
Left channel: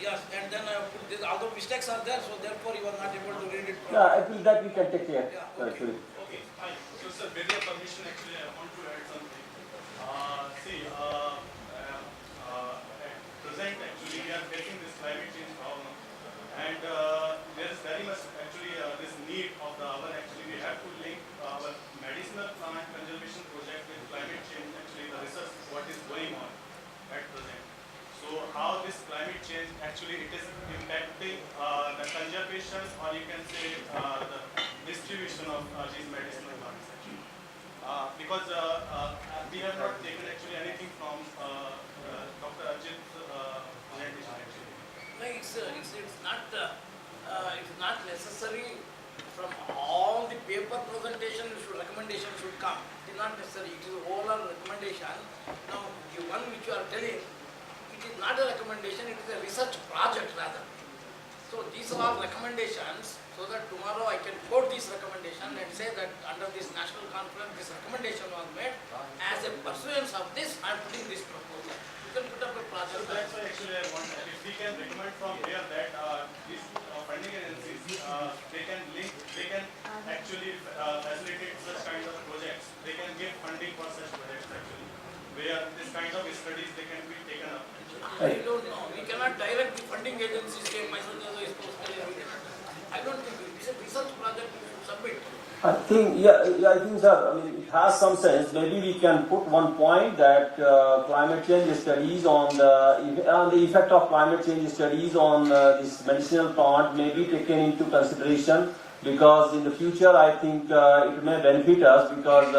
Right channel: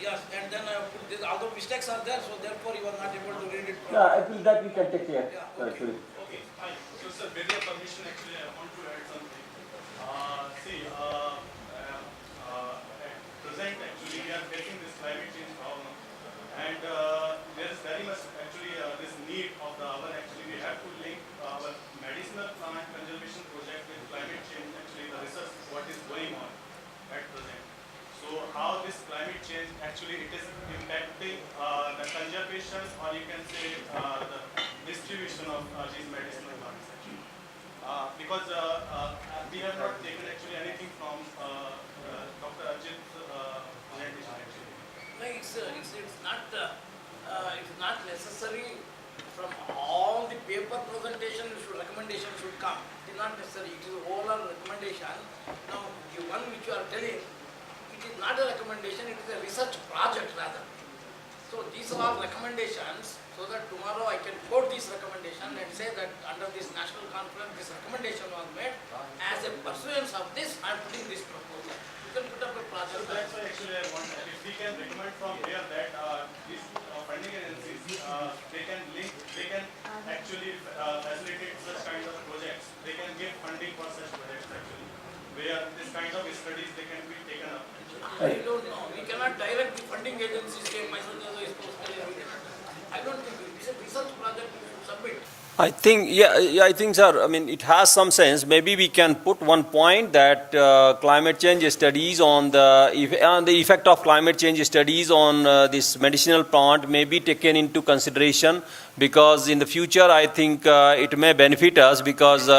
yes, and then I have put this, although mistakes are there, so therefore you are not able to read it properly. Yeah, I think that we can take care, actually. Okay, fine. So, sir, with your permission, actually, I want to add something. At present, actually, we are facing this climate change problem, and there is very much actually this need of the hour. Actually, we have to link our medicinal plant conservation project with climate change. Actually, the research what is going on at present. So, how this climate change actually it is impacting the conservation, or you can say the distribution of these medicinal plants. Actually, because we have not taken actually anything from Dr. Ajit's presentation actually. No, it's not necessary from all the paper presentation recommendation should come. It is not necessary. It is overall recommendation. Now, the one which you are telling, it is not a recommendation, it is a research project rather. So these are all recommendations, so that tomorrow I can quote this recommendation and say that under this national conference, this recommendation was made. As a pursuance of this, I am putting this proposal. You can put up a project. So that's why actually I want, if we can recommend from here that these funding agencies, they can actually facilitate such kind of projects. They can give funding for such projects actually, where this kind of studies they can be taken up. I don't know. We cannot direct the funding agencies say Mysore is posted. I don't think it's a research project we should submit. I think, I think, sir, I mean, it has some sense. Maybe we can put one point that climate change studies on the effect of climate change studies on this medicinal plant may be taken into consideration, because in the future, I think it may benefit us, because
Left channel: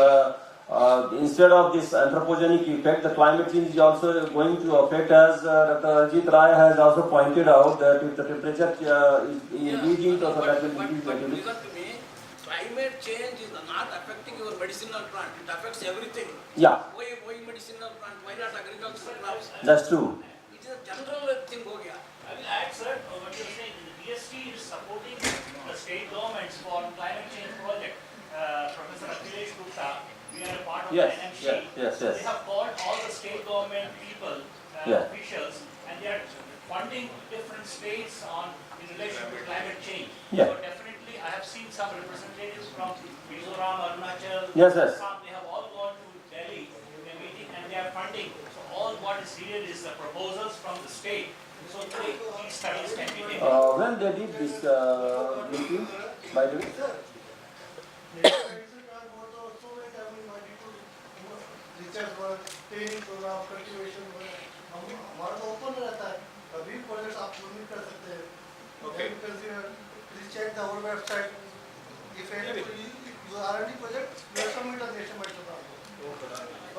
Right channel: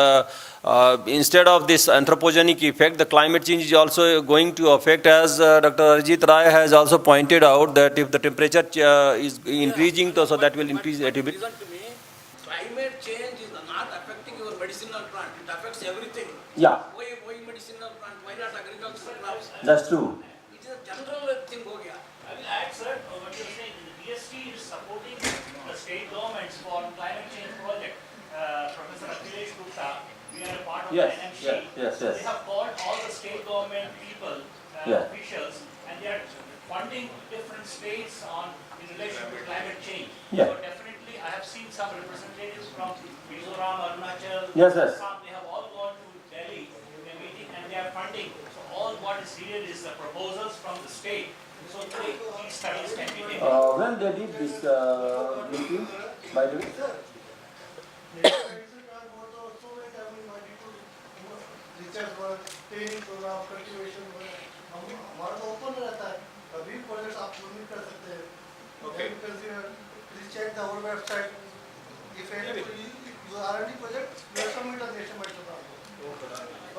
instead of this anthropogenic effect, the climate change is also going to affect, as Dr. Arjit Rai has also pointed out, that if the temperature is increasing, so that will increase the activity. Climate change is not affecting your medicinal plant. It affects everything. Yeah. Why medicinal plant? Why not agricultural crops? That's true. It is a general thing. Ho gaya. I will add, sir, what you are saying, the DST is supporting the state governments for climate change project. Professor Akhilesh Gupta, we are a Yes, and MC. yes, yes, yes. They have called all the state government people, Yeah. officials, and they are funding different states in relation to climate change. Yeah. So definitely, I have seen some representatives from Mizoram, Arunachal, Yes, yes. Assam. They have all gone to Delhi in a meeting, and they are funding. So all what is needed is the proposals from the state. So these studies can be taken. When they did this meeting, by the way? Research work, training programme, cultivation work, हमारा तो open रहता है, कभी projects आप submit कर सकते हैं. Okay. Please check the our website. If any you R&D project, you have submit an estimate to them.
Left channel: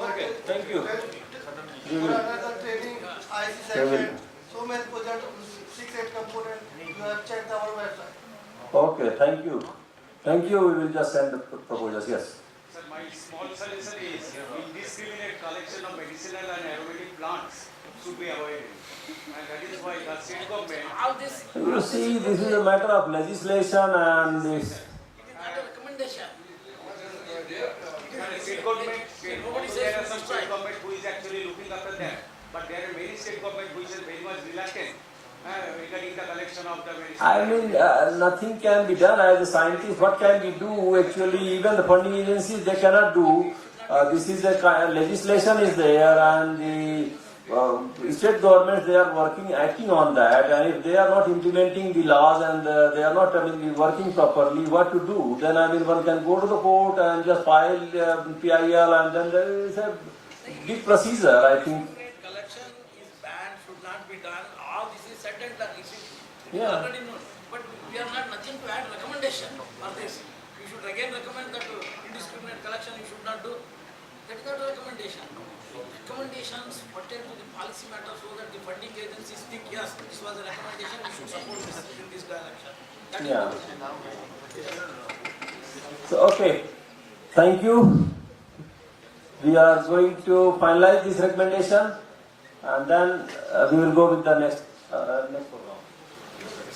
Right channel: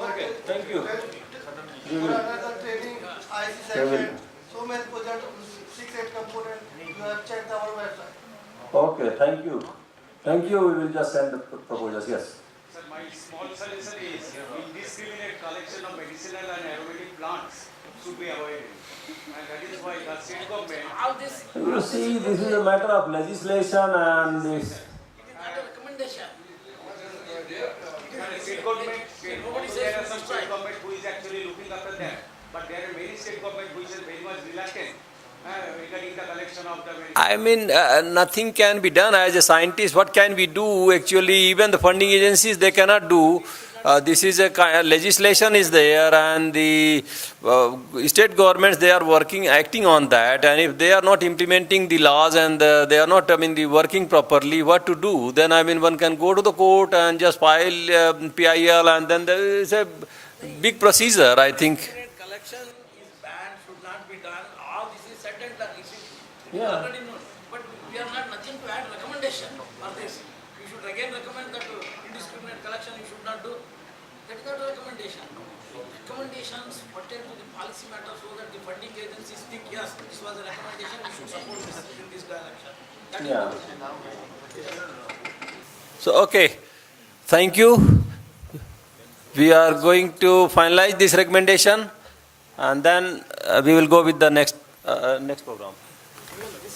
Okay, thank you. For another training, IC section, so many projects, 6-8 components, you have checked our website. Okay, thank you. Thank you, we will just send the proposals, yes. Sir, my small suggestion is indiscriminate collection of medicinal and aromatic plants should be avoided. And that is why the state government... All this You see, this is a matter of legislation and this. recommendation. And state government, there are some state government who is actually looking after that. But there are many state government which is very much reluctant regarding the collection of the medicinal. I mean, nothing can be done as a scientist. What can we do? Actually, even the funding agencies, they cannot do. This is a legislation is there, and the state governments, they are acting on that. And if they are not implementing the laws and they are not, working properly, what to do? Then one can go to the court and just file PIL, and then there is a big procedure, I think. Collection is banned, should not be done. All this is said and done. Yeah. Already known. But we are not nothing to add recommendation for this. We should again recommend that indiscriminate collection you should not do. That is not a recommendation. Recommendations pertain to the policy matter so that the funding agencies think, yes, this was a recommendation, we should support this in this direction. That is Yeah. So, okay. Thank you. We are going to finalize this recommendation, and then we will go with the next program.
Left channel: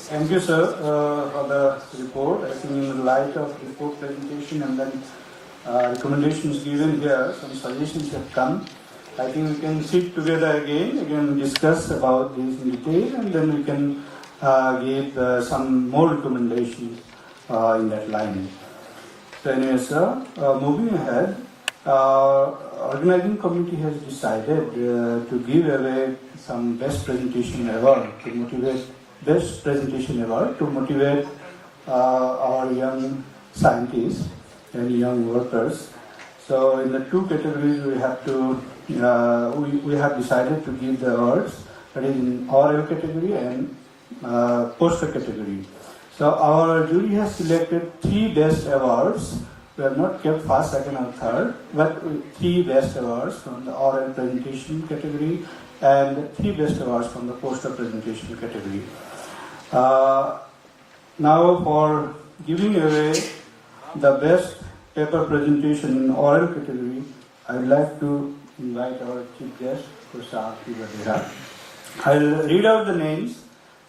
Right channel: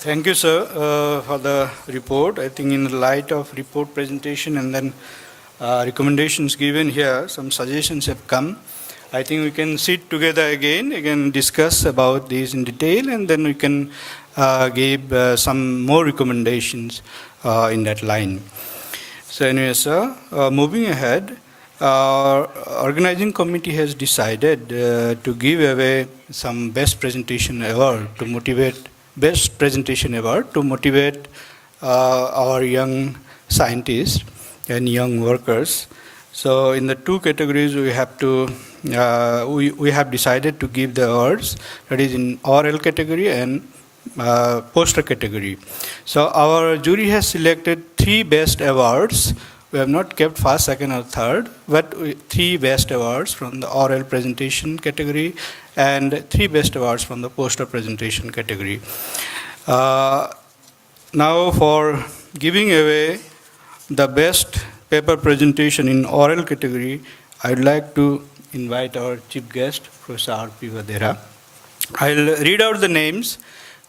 Thank you, sir, for the report. I think in the light of report presentation and then recommendations given here, some suggestions have come. I think we can sit together again, we can discuss about these in detail, and then we can give some more recommendations in that line. So anyway, sir, moving ahead, organizing committee has decided to give away some best presentation award to motivate our young scientists and young workers. So in the two categories we have to we have decided to give the awards, that is in oral category and poster category. So our jury has selected 3 best awards. We have not kept first, second or third, but 3 best awards from the oral presentation category and 3 best awards from the poster presentation category. Now for giving away the best paper presentation in oral category, I would like to invite our chief guest, Professor R.P. Vadera. I'll read out the names.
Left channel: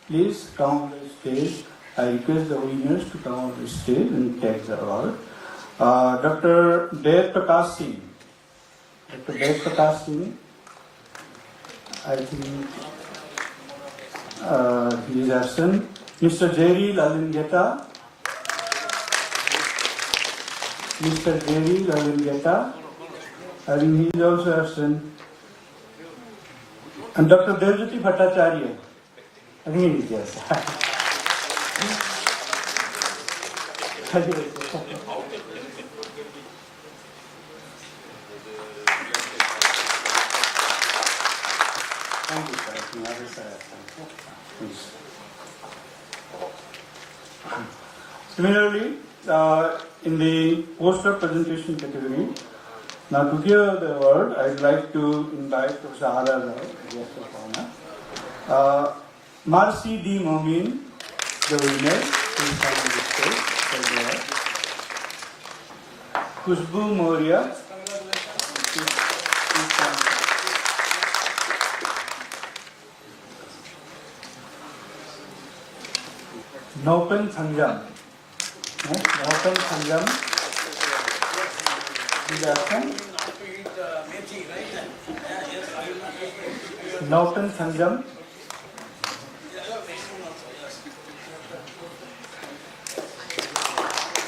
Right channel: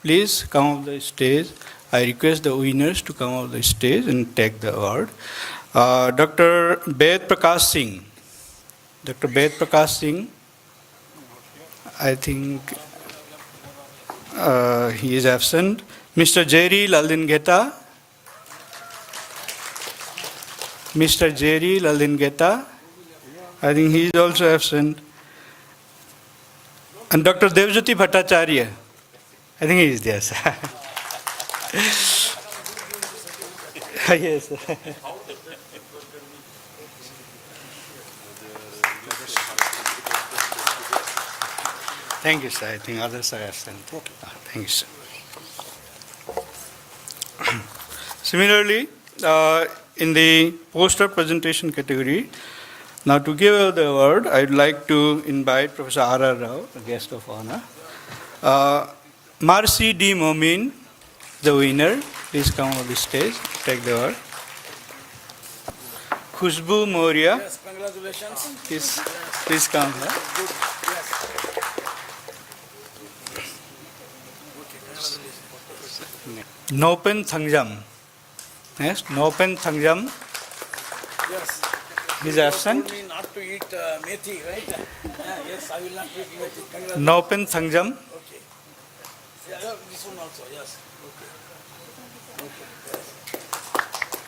Please come on the stage. I request the winners to come on the stage and take the award. Dr. Ved Prakash Singh. Dr. Ved Prakash Singh, I think he is absent. Mr. Jerry Lalingeta. Mr. Jerry Lalingeta, I think he is also absent. And Dr. Devjyoti Bhattacharya, I think he is there, sir. Yes, sir. Thank you, sir. I think others are absent. Thank you, sir. Similarly, in the poster presentation category, now to give the award, I'd like to invite Professor R.R. Rao, a guest of honor. Marcy D. Momin, the winner, please come on the stage, take the award. Khushbu Moria, please come here. Nopen Thangjam. Yes, Nopen Thangjam is absent. Nopen Sangjam.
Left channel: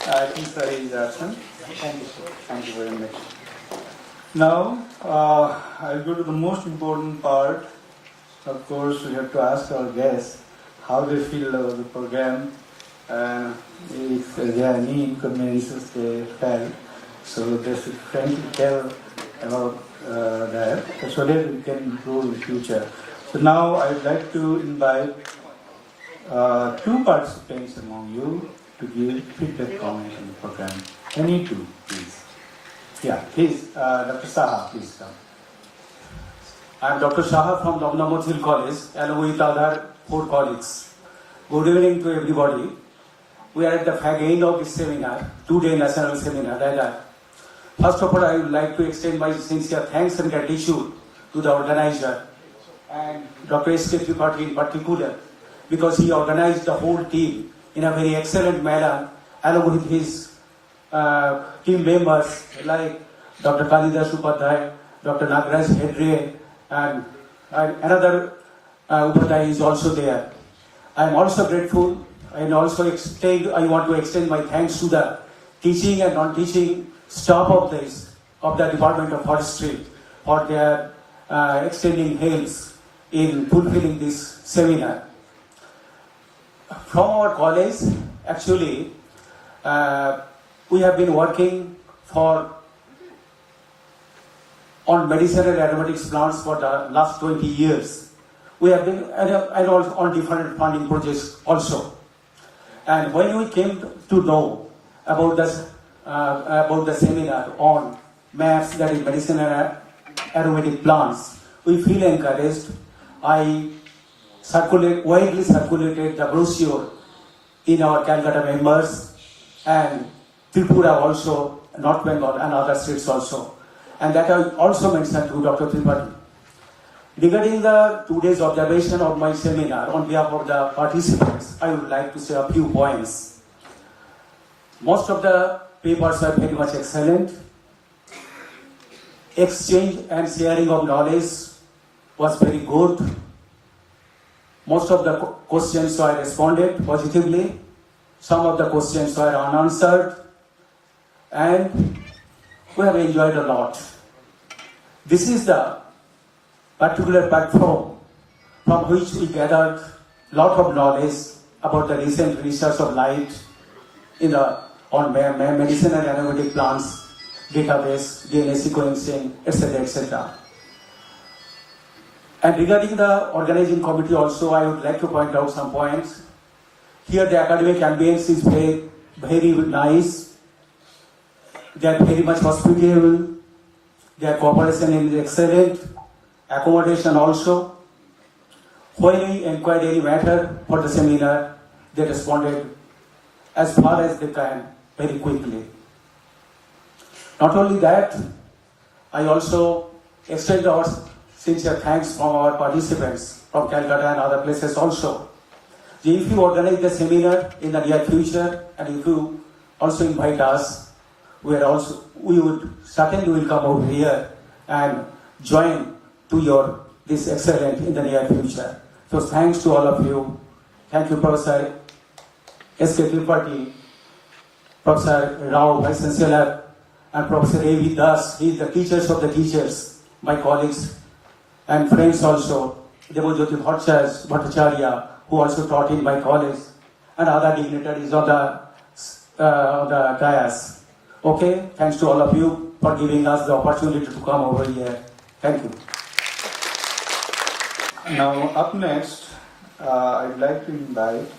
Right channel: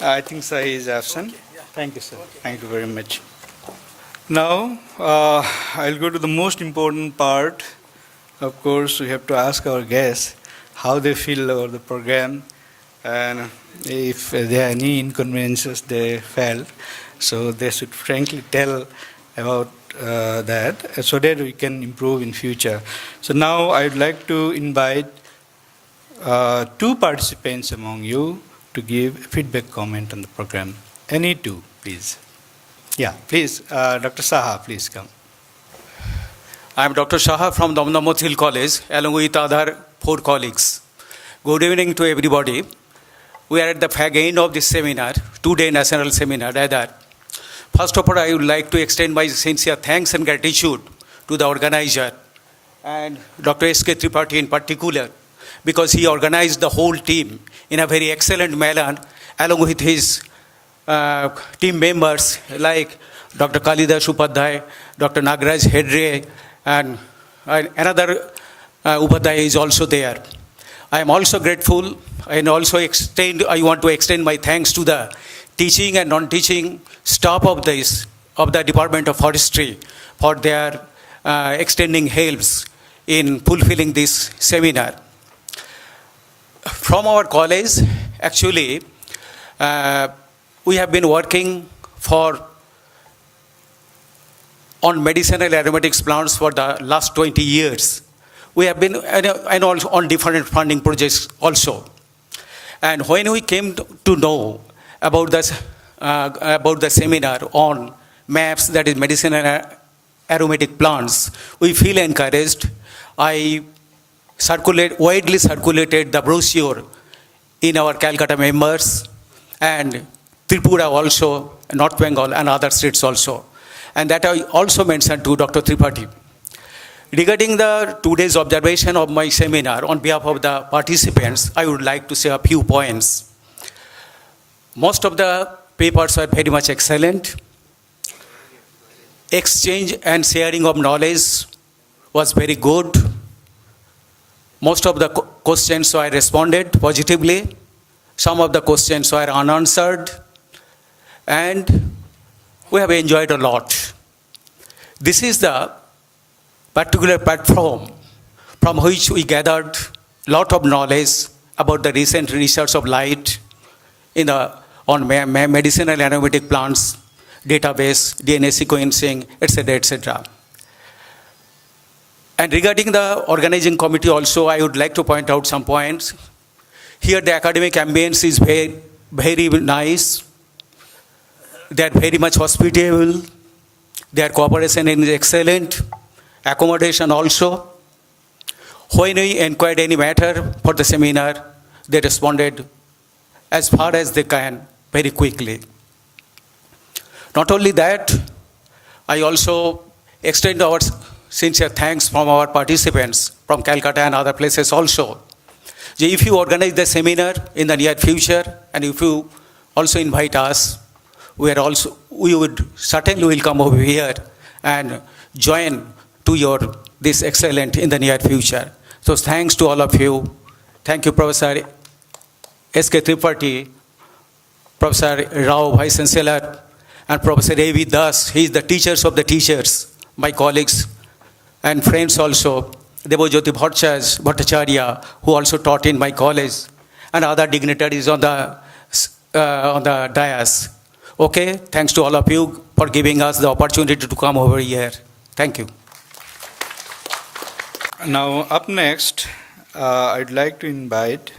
I think Sai is absent. Thank you, sir. Thank you very much. Now, I'll go to the most important part. Of course, we have to ask our guests how they feel about the program and if there are any inconveniences they felt. So they should frankly tell about that so that we can improve in future. So now I'd like to invite two participants among you to give feedback comment on the program. Any two, please. Yeah, please, Dr. Saha, please come. I am Dr. Saha from Damdam Hill College, along with other 4 colleagues. Good evening to everybody. We are at the fag end of this seminar, 2-day national seminar. Rather, first of all, I would like to extend my sincere thanks and gratitude to the organizer and Dr. S.K. Tripathi in particular, because he organized the whole team in a very excellent manner, along with his team members like Dr. Kalidas Upadhyay, Dr. Nagraj Hedre, and another Upadhyay is also there. I am also grateful and also I want to extend my thanks to the teaching and non-teaching staff of the Department of Forestry for their extending helps in fulfilling this seminar. From our college, actually, we have been working on medicinal aromatics plants for the last 20 years. We have been on different funding projects also. And when we came to know about the seminar on MAPS, that is medicinal aromatic plants, we feel encouraged. I widely circulated the brochure in our Calcutta members and Tripura also, North Bengal and other states also. And that I also mentioned to Dr. Tripathi. Regarding the 2 days observation of my seminar on behalf of the participants, I would like to say a few points. Most of the papers were very much excellent. Exchange and sharing of knowledge was very good. Most of the questions I responded positively. Some of the questions were unanswered. And we have enjoyed a lot. This is the particular platform from which we gathered a lot of knowledge about the recent research of light on medicinal aromatic plants, database, DNA sequencing, etc., etc. And regarding the organizing committee also, I would like to point out some points. Here the academic ambience is very, very nice. They are very much hospitable. Their cooperation is excellent. Accommodation also. When we inquired any matter for the seminar, they responded as far as they can, very quickly. Not only that, I also extend our sincere thanks from our participants from Calcutta and other places also. If you organize the seminar in the near future and if you also invite us, we would certainly will come over here and join to this excellent in the near future. So thanks to all of you. Thank you, Professor S.K. Tripathi, Professor Rao, Vice Chancellor, and Professor A.V. Das. He is the teachers of the teachers, my colleagues and friends also. Devojyoti Bhattacharya, who also taught in my college, and other dignitaries on the dais. Okay, thanks to all of you for giving us the opportunity to come over here. Thank you. Now, up next, I'd like to invite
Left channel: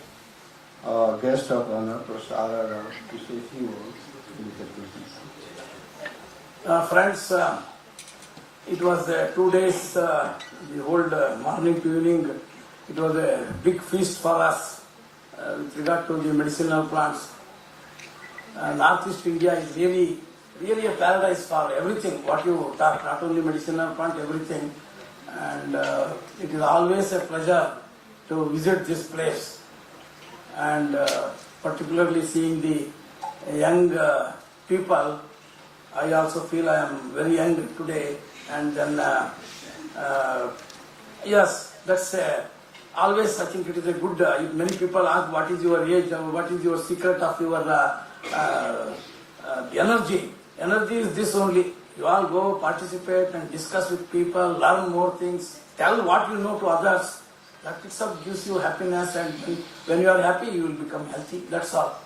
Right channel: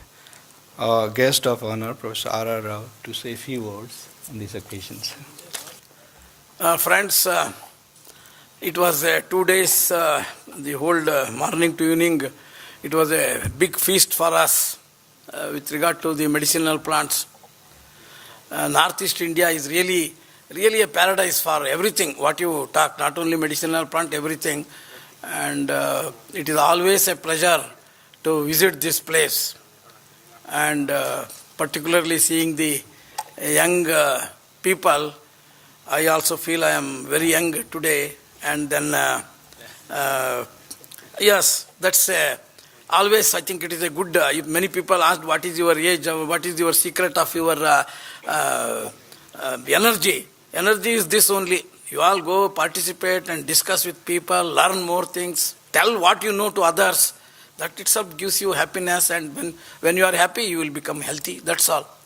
our guest of honor, Professor R.R. Rao, to say a few words on these occasions. Friends, it was 2 days, the whole morning to evening. It was a big feast for us with regard to the medicinal plants. Northeast India is really a paradise for everything, what you talk, not only medicinal plant, everything. And it is always a pleasure to visit this place. And particularly seeing the young people, I also feel I am very young today. And then Yes, that's always, I think it is a good, if many people ask what is your age, what is your secret of your energy. Energy is this only. You all go participate and discuss with people, learn more things, tell what you know to others. That itself gives you happiness, and when you are happy, you will become healthy. That's all.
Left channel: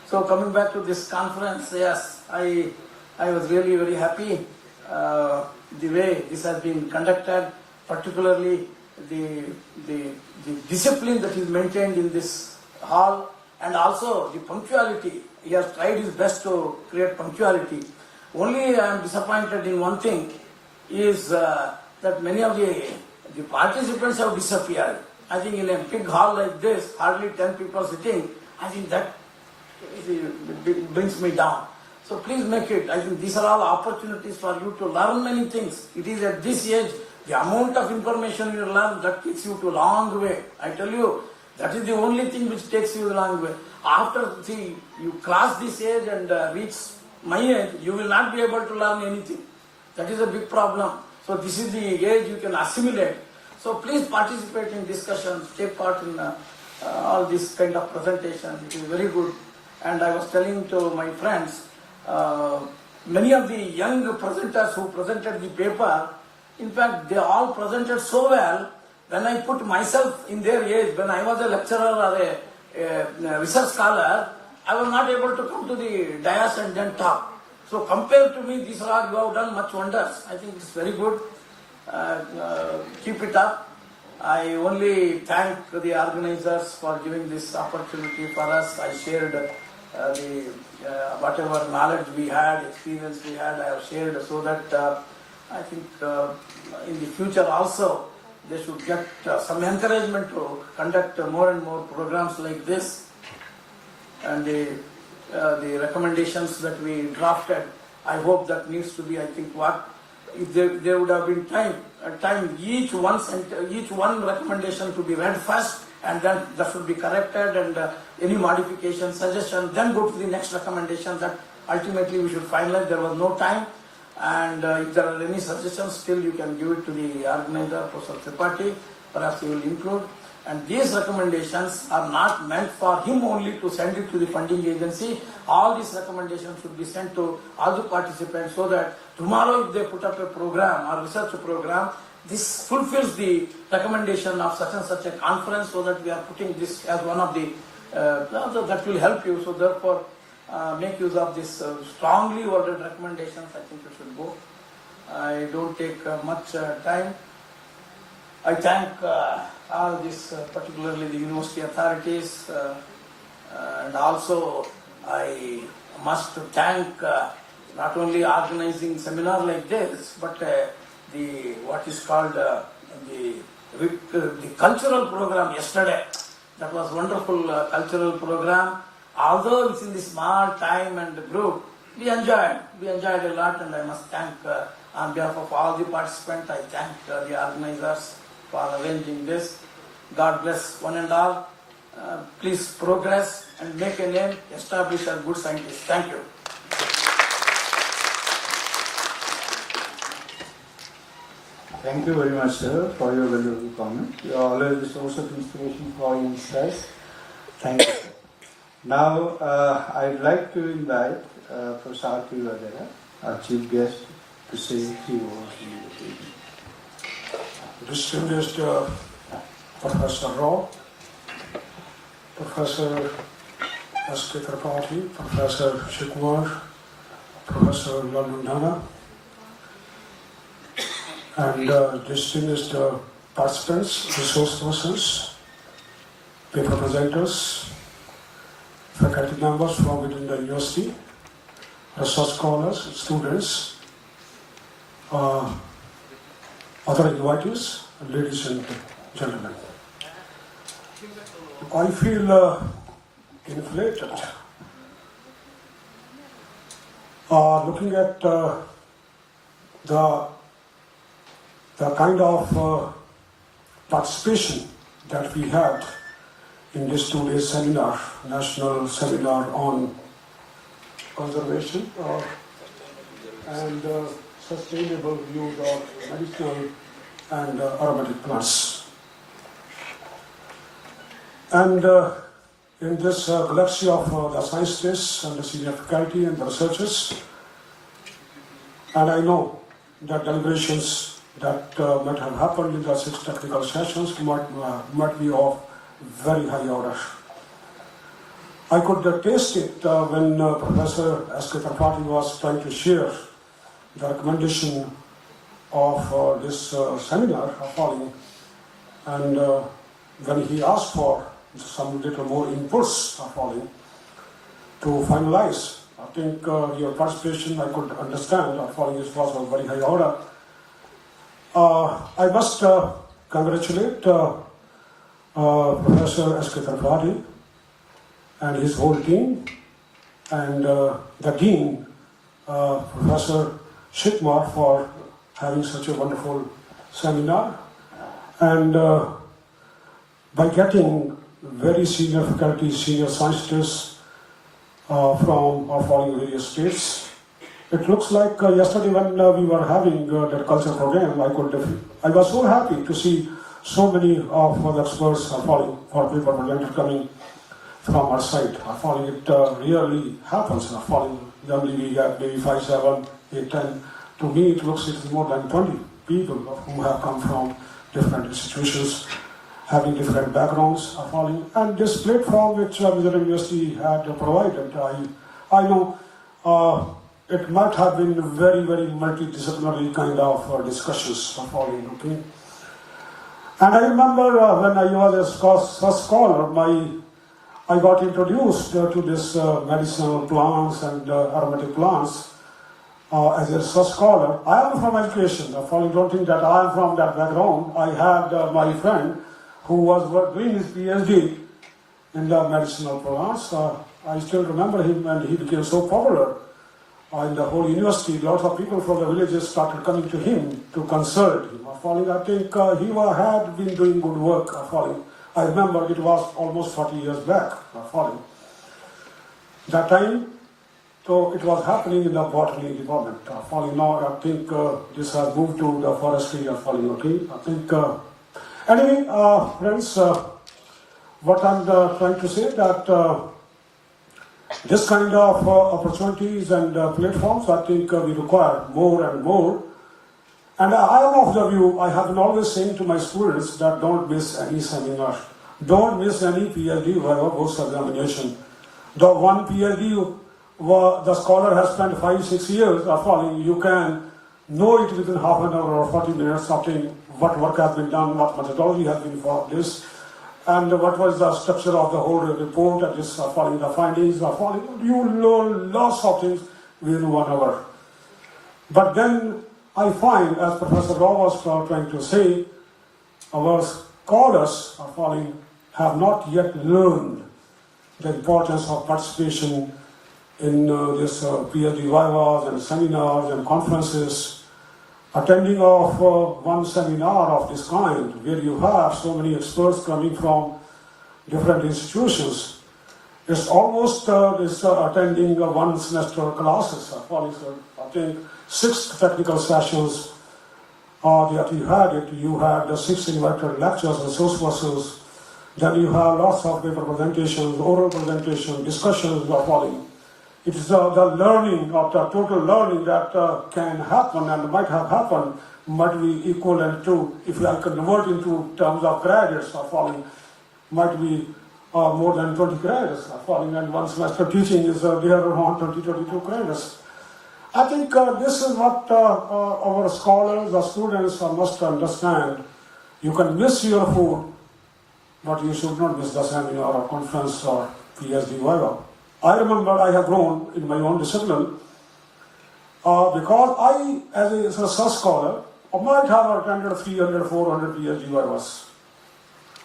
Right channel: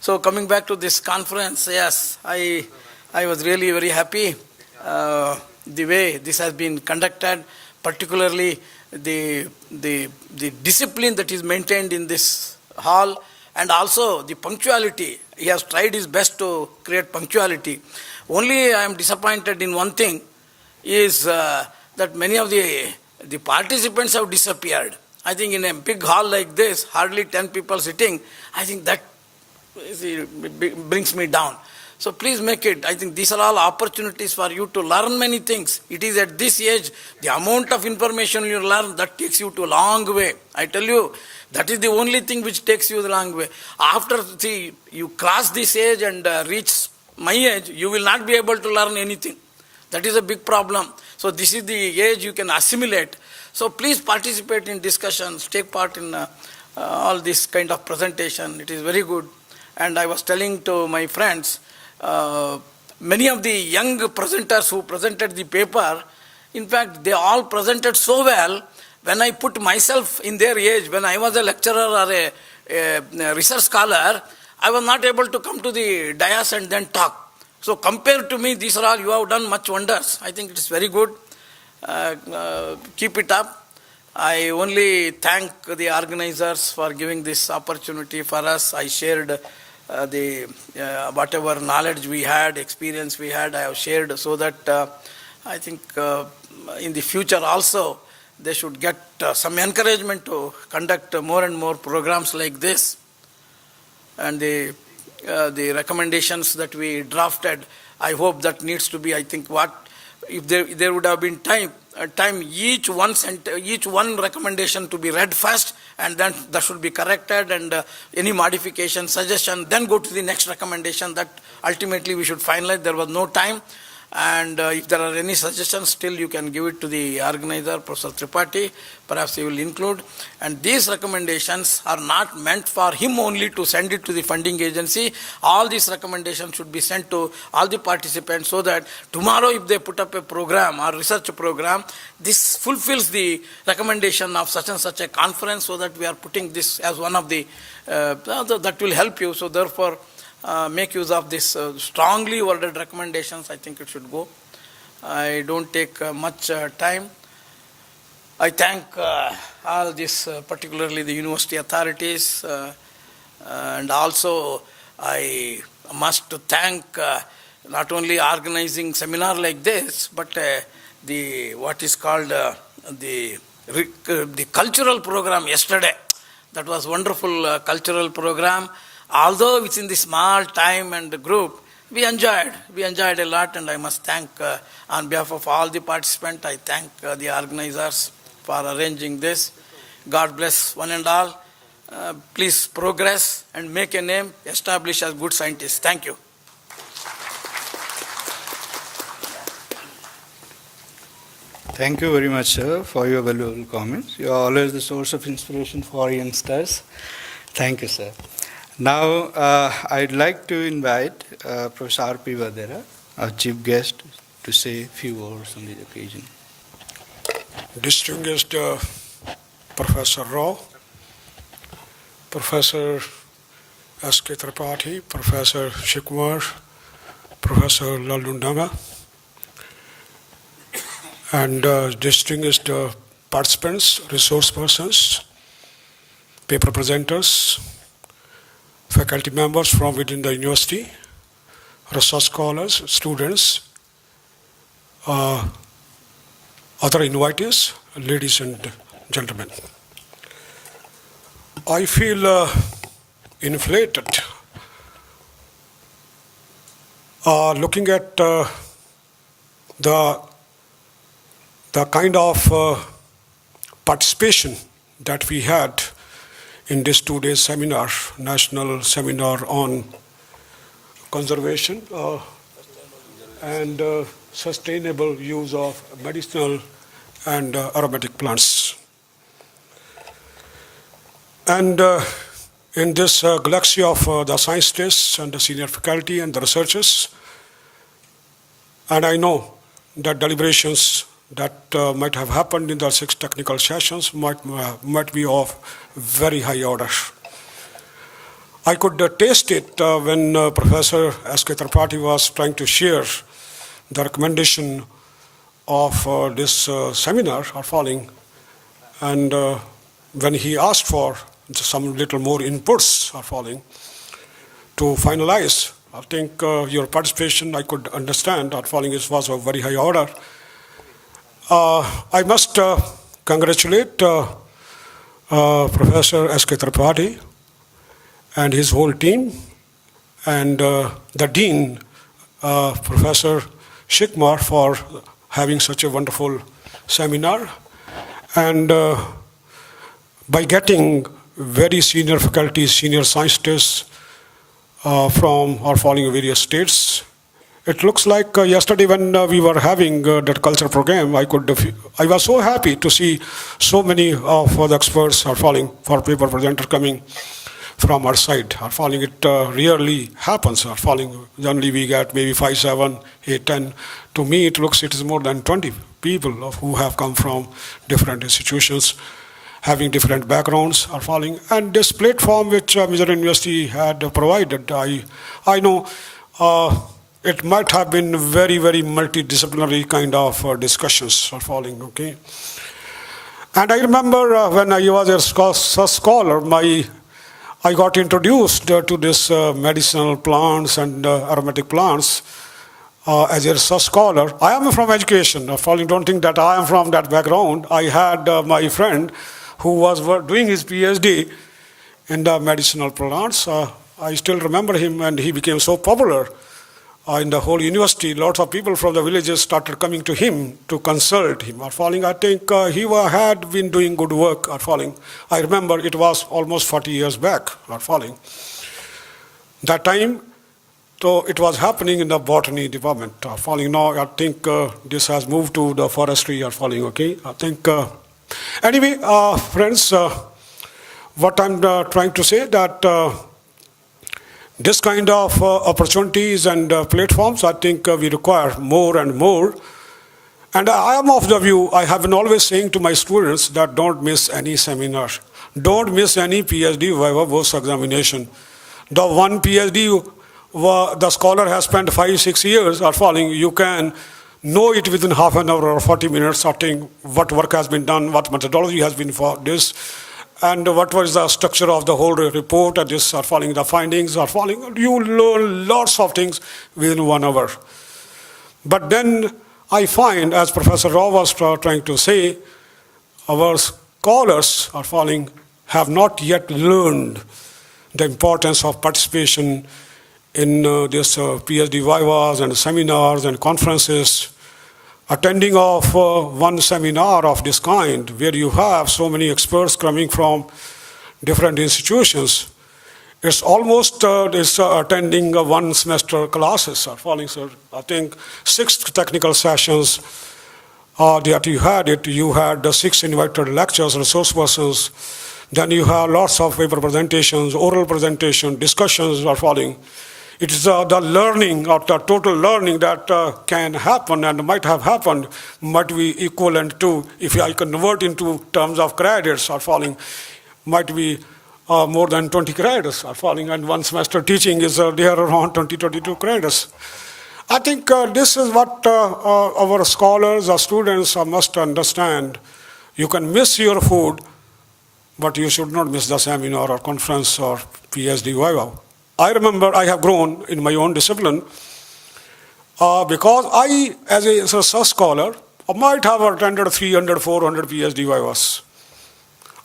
So coming back to this conference, yes, I was really very happy the way this has been conducted, particularly the discipline that is maintained in this hall, and also the punctuality. He has tried his best to create punctuality. Only I am disappointed in one thing, is that many of the participants have disappeared. I think in a big hall like this, hardly 10 people sitting, I think that it brings me down. So please make it. I think these are all opportunities for you to learn many things. It is at this age, the amount of information you learn, that takes you to a long way. I tell you, that is the only thing which takes you the long way. After you cross this age and reach my age, you will not be able to learn anything. That is a big problem. So this is the age you can assimilate. So please participate in discussions, take part in all this kind of presentation. It is very good. And I was telling to my friends, many of the young presenters who presented the paper, in fact, they all presented so well. When I put myself in their age, when I was a lecturer or a research scholar, I was not able to come to the dais and then talk. So compared to me, these are all, you have done much wonders. I think it's very good. Keep it up. I only thank the organizers for giving this opportunity for us. I shared whatever knowledge we had, experience we had, I have shared, so that I think in the future also they should get some encouragement to conduct more and more programs like this. And the recommendations that we drafted, I hope that needs to be, I think, what if there would have been time each one recommendation to be read first, and then that should be corrected, and any modification, suggestion, then go to the next recommendation that ultimately we should finalize. There was no time, and if there are any suggestions, still you can give it to the organizer, Professor Tripathi, perhaps he will include. And these recommendations are not meant for him only to send it to the funding agency. All these recommendations should be sent to all the participants, so that tomorrow if they put up a program or research program, this fulfills the recommendation of such and such a conference, so that we are putting this as one of the, that will help you. So therefore, make use of this strongly worded recommendations. I think it should go. I don't take much time. I thank all this, particularly the university authorities, and also I must thank not only organizing seminar like this, but the what is called the cultural program yesterday. That was wonderful cultural program. Although it's in the small time and group, we enjoyed a lot, and I must thank on behalf of all the participants, I thank the organizers for arranging this. God bless one and all. Please progress and make a name, establish as good scientists. Thank you. Thank you very much, sir, for your valuable comments. You are always the source of inspiration for youngsters. Thank you, sir. Now, I'd like to invite Professor R.P. Vadera, our chief guest, to say a few words on the occasion. Distinguished Professor Rao, Professor S.K. Tripathi, Professor Shikwar, Professor Lalundanga, and distinguished participants, resource persons, paper presenters, faculty members from within the university, research scholars, students, other invitees, ladies and gentlemen. I feel inflated looking at the kind of participation that we had in this 2-day seminar, National Seminar on Conservation and Sustainable Use of Medicinal and aromatic plants. And in this galaxy of the scientists and the senior faculty and the researchers, and I know that deliberations that might have happened in the 6 technical sessions might be of very high order. I could taste it when Professor S.K. Tripathi was trying to share the recommendation of this seminar are falling, and when he asked for some little more inputs are falling to finalize. I think your participation, I could understand, are falling was of very high order. I must congratulate Professor S.K. Tripathi and his whole team, and the Dean, Professor Shikmar, for having such a wonderful seminar, and by getting very senior faculty, senior scientists from our following various states. It looks like yesterday when we were having that culture program, I was so happy to see so many of the experts are falling for paper presenter coming from our side. Are falling, it rarely happens. Are falling, generally we get maybe 5, 7, 8, 10. To me, it looks it is more than 20 people who have come from different institutions, having different backgrounds are falling. And this platform which Mizoram University had provided, I know it might have been very, very multidisciplinary kind of discussions are falling, okay? And I remember when I was a scholar, I got introduced to this medicinal plants and aromatic plants as a research scholar. I am from education. Don't think that I am from that background. I had my friend who was doing his PhD in the medicinal plants. I still remember him, and he became so popular in the whole university. Lots of people from the villages started coming to him to consult him. I think he had been doing good work. I remember it was almost 40 years back. That time, so it was happening in the botany department. Now I think this has moved to the forestry. Okay. I think. Anyway, friends, what I'm trying to say that this kind of opportunities and platforms, I think we require more and more. And I am of the view, I have been always saying to my students that don't miss any seminar. Don't miss any PhD viva voce examination. The one PhD the scholar has spent 5-6 years you can know it within half an hour or 40 minutes, sorting what work has been done, what methodology has been for this, and what was the structure of the whole report, and this the findings you learn lots of things within 1 hour. But then I find, as Professor Rao was trying to say, our scholars have not yet learned the importance of participation in this PhD vivas and seminars and conferences. Attending of one seminar of this kind, where you have so many experts coming from different institutions, it's almost attending one semester classes. I think 6 technical sessions that you had. You had the 6 invited lectures, resource persons. Then you have lots of paper presentations, oral presentation, discussions are falling. It is the learning, or the total learning that can happen and might have happened, might be equivalent to, if I convert into terms of credits might be more than 20 credits and one semester teaching is there around 20-22 credits. I think this is what our scholars or students must understand. You can miss your food, but you should not miss the seminar or conference or PhD viva. I remember I have grown in my own discipline because I, as a research scholar, might have attended 300, 400 PhD vivas.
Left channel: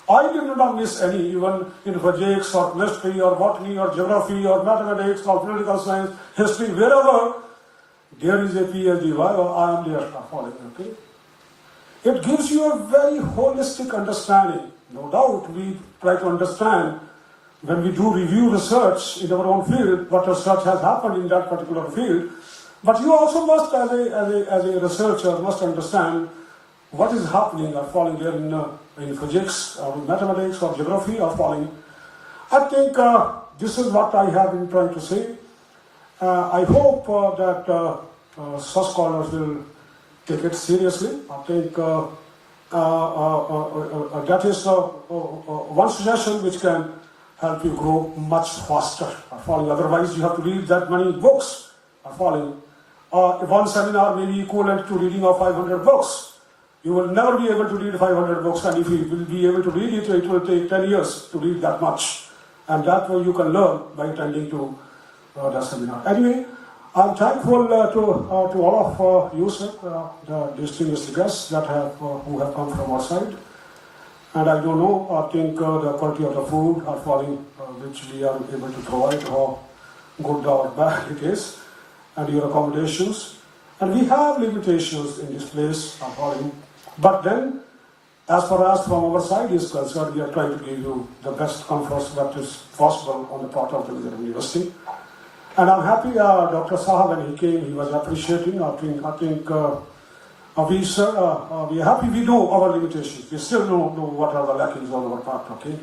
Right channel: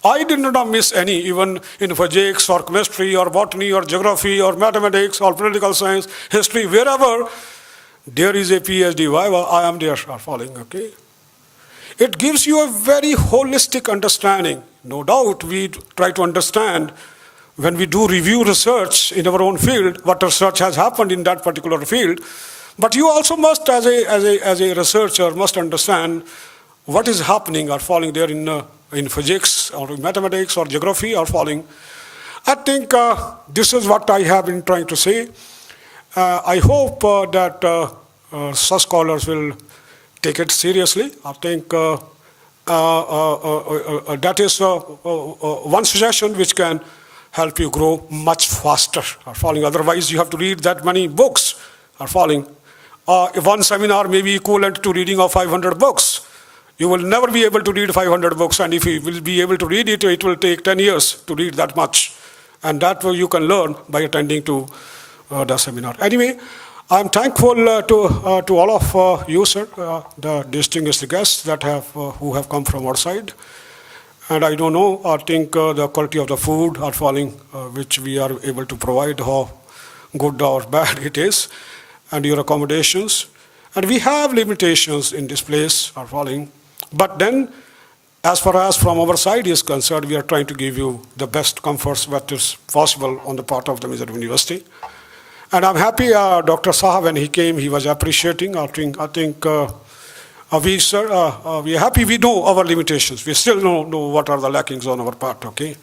I did not miss any, even in physics or chemistry or botany or geography or mathematics or political science, history, wherever there is a PhD viva, I am there okay? It gives you a very holistic understanding. No doubt we try to understand when we do review research in our own field, what research has happened in that particular field. But you also must, as a researcher, must understand what is happening or falling there in physics or mathematics or geography or falling. I think this is what I have been trying to say. I hope that such scholars will take it seriously. I think that is one suggestion which can help you grow much faster. Otherwise, you have to read that many books. One seminar may be equivalent to reading of 500 books. You will never be able to read 500 books, and if you will be able to read it, it will take 10 years to read that much. And that way you can learn by attending to the seminar. Anyway, I'm thankful to all of you, sir, the distinguished guests that who have come from outside. And I don't know, I think the quality of the food are falling, which we are able to provide, how good or bad it is, and your accommodations. And we have limitations in this place are falling. But then, as far as from our side is concerned, we are trying to give you the best comforts that is possible on the part of the Mizoram University. And I'm happy Dr. Saha, when he came, he was appreciating. I think we are happy we know our limitations. We still know what are the lackings on our part, okay?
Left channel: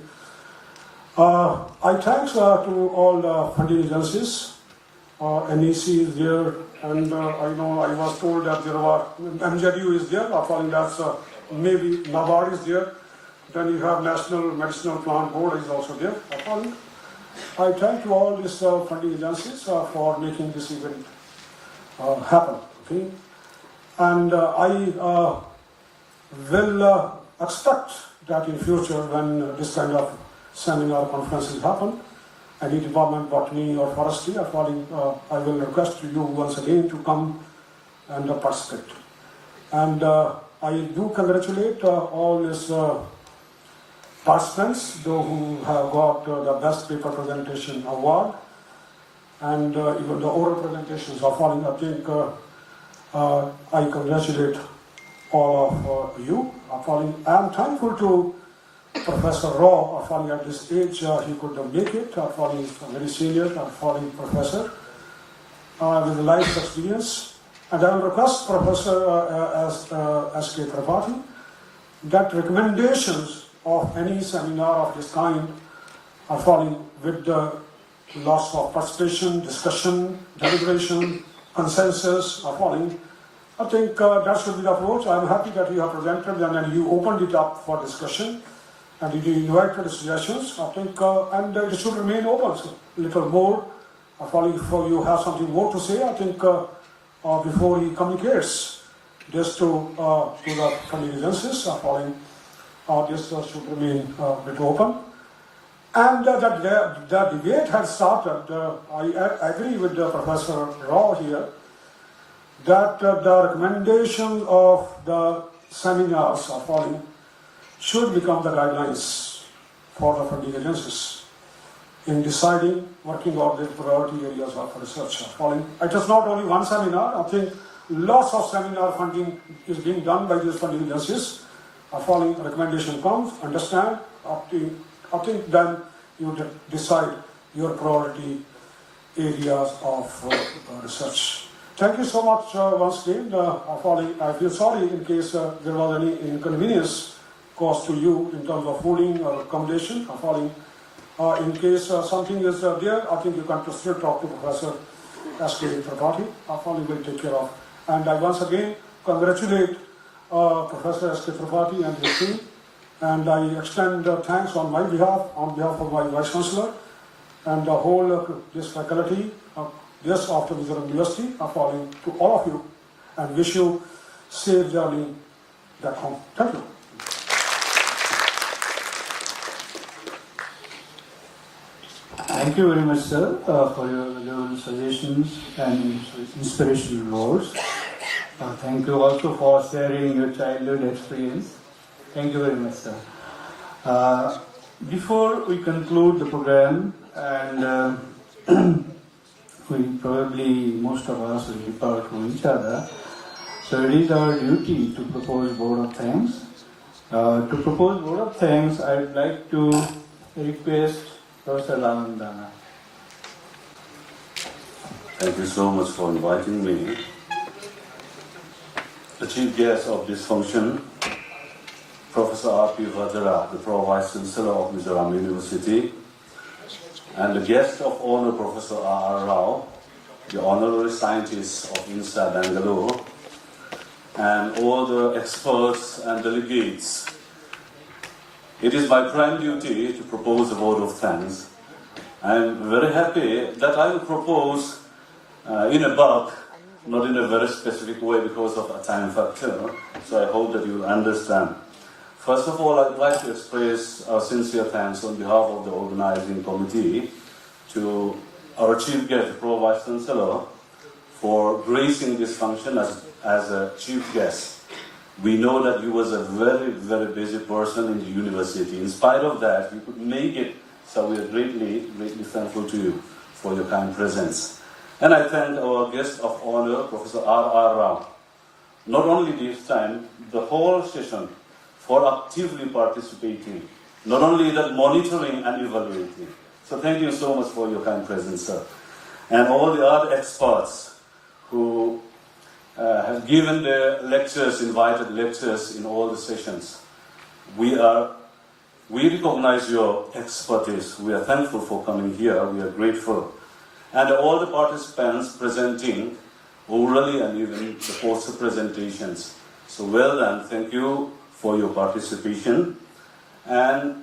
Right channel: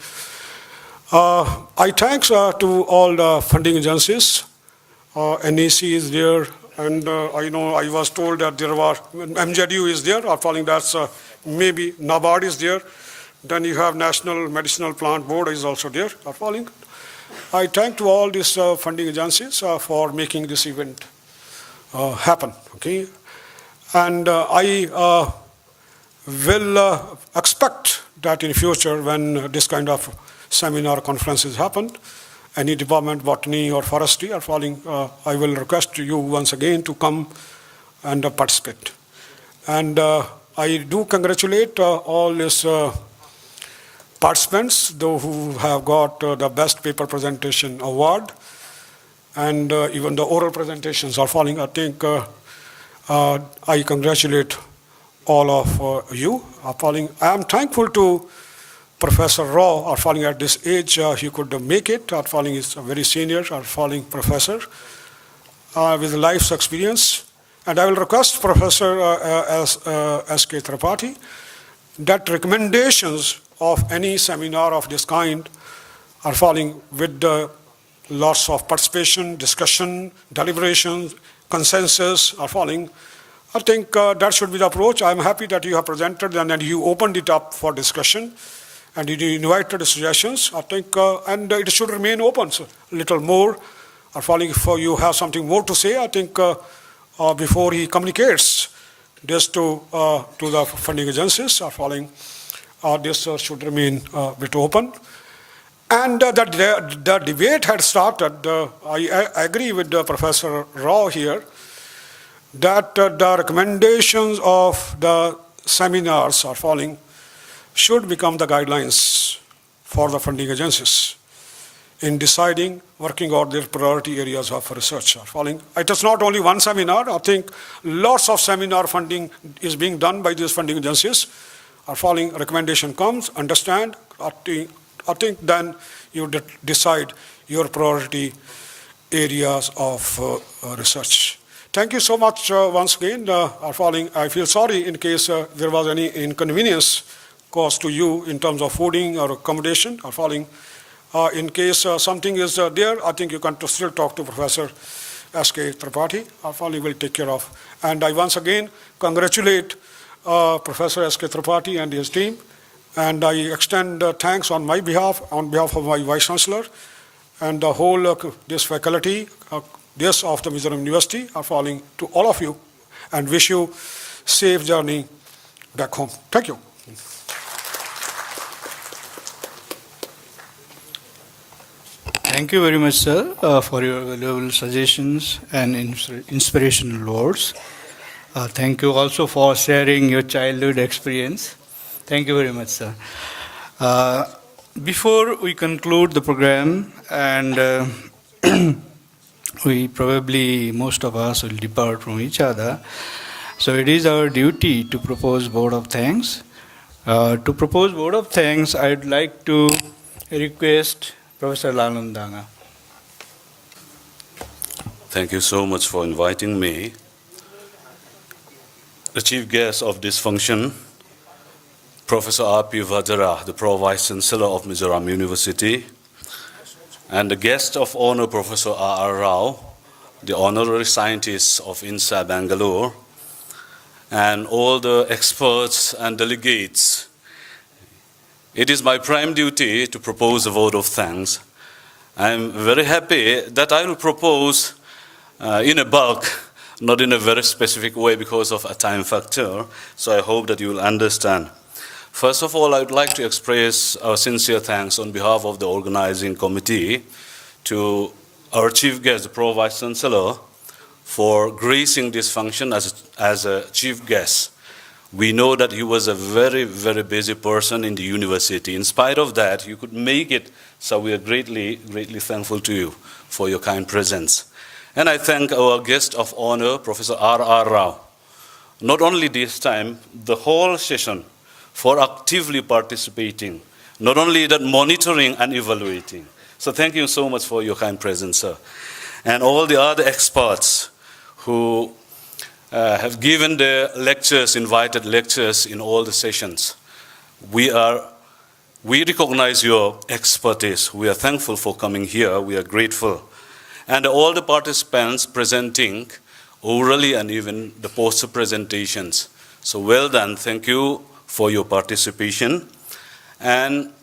I thanks to all the funding agencies. NEC is there, and I know I was told that there were, MJDU is there, that's maybe NABARD is there. Then you have National Medicinal Plant Board is also there. I thank to all these funding agencies for making this event happen, okay? And I will expect that in future when this kind of seminar conferences happen, any department, botany or forestry are falling, I will request you once again to come and participate. And I do congratulate all these participants, those who have got the best paper presentation award, and even the oral presentations are falling. I think I congratulate all of you. I am thankful to Professor Rao at this age. He could make it. Is a very senior professor with life's experience. And I will request Professor S.K. Tripathi that recommendations of any seminar of this kind are falling with lots of participation, discussion, deliberation, consensus are falling. I think that should be the approach. I am happy that you have presented and that you opened it up for discussion and you invited suggestions. I think, and it should remain open a little more. Are falling if you have something more to say. I think before he communicates this to the funding agencies are falling. This should remain a bit open. And the debate had started. I agree with Professor Rao here that the recommendations of the seminars are falling should become the guidelines for the funding agencies in deciding, working out their priority areas of research are falling. It is not only one seminar. I think lots of seminar funding is being done by these funding agencies. Are falling, recommendation comes, understand, I think then you decide your priority areas of research. Thank you so much once again. I feel sorry in case there was any inconvenience caused to you in terms of fooding or accommodation. In case something is there, I think you can still talk to Professor S.K. Tripathi. Will take care of. And I once again congratulate Professor S.K. Tripathi and his team, and I extend thanks on my behalf, on behalf of my Vice Chancellor, and the whole this faculty, of the Mizoram University, are falling to all of you, and wish you safe journey back home. Thank you. Thank you very much, sir, for your valuable suggestions and inspirational words. Thank you also for sharing your childhood experience. Thank you very much, sir. Before we conclude the program, and most of us will depart from each other, so it is our duty to propose vote of thanks. To propose vote of thanks, I would like to request Professor Lamandana. Thank you so much for inviting me. The chief guest of this function Professor R.P. Vadera, the Pro-Vice Chancellor of Mizoram University, and the guest of honor, Professor R.R. Rao, the honorary scientist of INSA Bangalore, and all the experts and delegates. It is my prime duty to propose a vote of thanks. I am very happy that I will propose in a bulk, not in a very specific way because of a time factor, so I hope that you will understand. First of all, I would like to express our sincere thanks on behalf of the organizing committee to our chief guest, Pro Vice Chancellor, for gracing this function as a chief guest. We know that he was a very, very busy person in the university. In spite of that, you could make it, so we are greatly, greatly thankful to you for your kind presence. And I thank our guest of honor, Professor R.R. Rao, not only this time, the whole session, for actively participating, not only that monitoring and evaluating. So thank you so much for your kind presence, sir. And all the other experts who have given their lectures, invited lectures in all the sessions. We recognize your expertise. We are thankful for coming here. We are grateful. And all the participants presenting orally and even the poster presentations. So well done. Thank you for your participation. And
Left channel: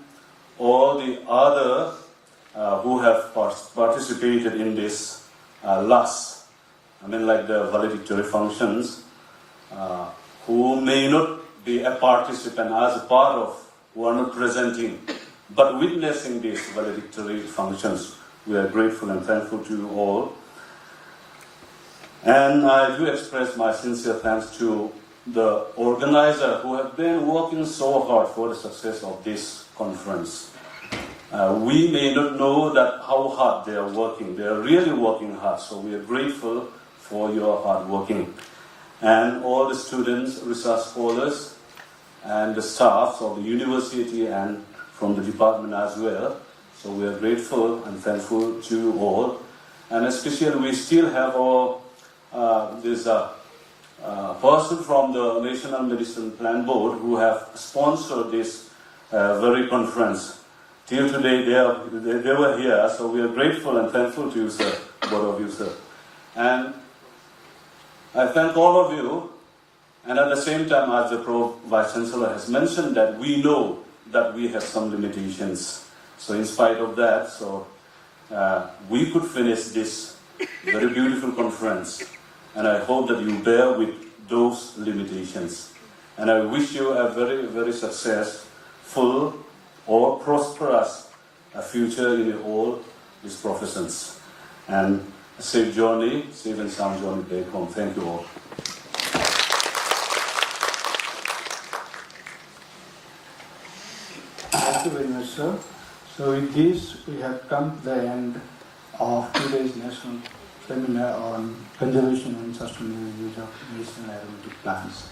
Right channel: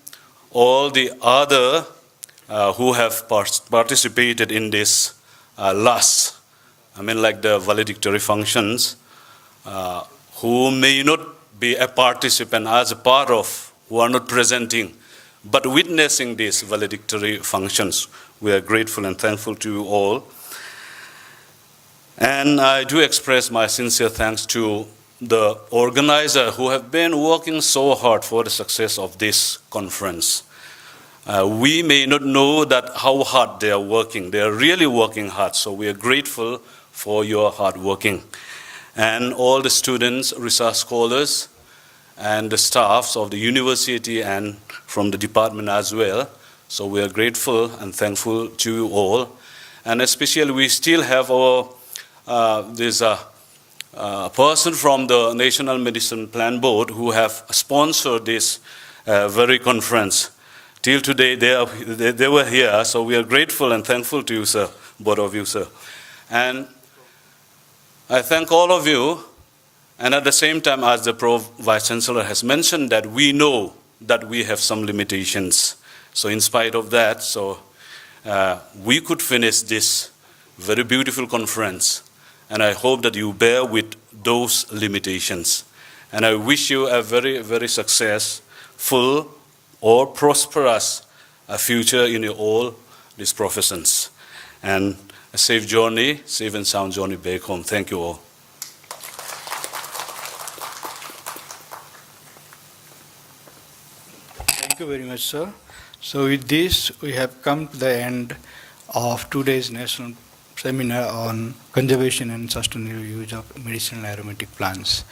all the other who have participated in this like the valedictory functions, who may not be a participant as a part of, who are not presenting, but witnessing these valedictory functions. We are grateful and thankful to you all. And I do express my sincere thanks to the organizer who have been working so hard for the success of this conference. We may not know that how hard they are working. They are really working hard, so we are grateful for your hard working. And all the students, research scholars, and the staffs of the university and from the department as well. So we are grateful and thankful to you all. And especially we still have this person from the National Medicine Plan Board who have sponsored this very conference. Till today they were here, so we are grateful and thankful to you, sir, both of you, sir. And I thank all of you, and at the same time, as the Pro Vice Chancellor has mentioned, that we know that we have some limitations. So in spite of that, we could finish this very beautiful conference, and I hope that you bear with those limitations. And I wish you a very, very successful or prosperous future in all these professions. And a safe journey, safe and sound journey back home. Thank you all. Thank you very much, sir. So with this, we have come to the end of today's national seminar on conservation and sustainable use of medicinal aromatic plants.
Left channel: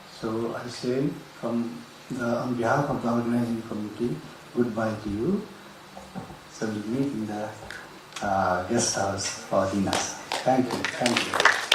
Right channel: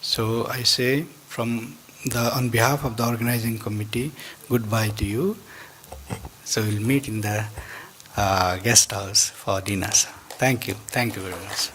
So I say on behalf of the organizing committee, goodbye to you. So we'll meet in the guest house for dinners. Thank you very much.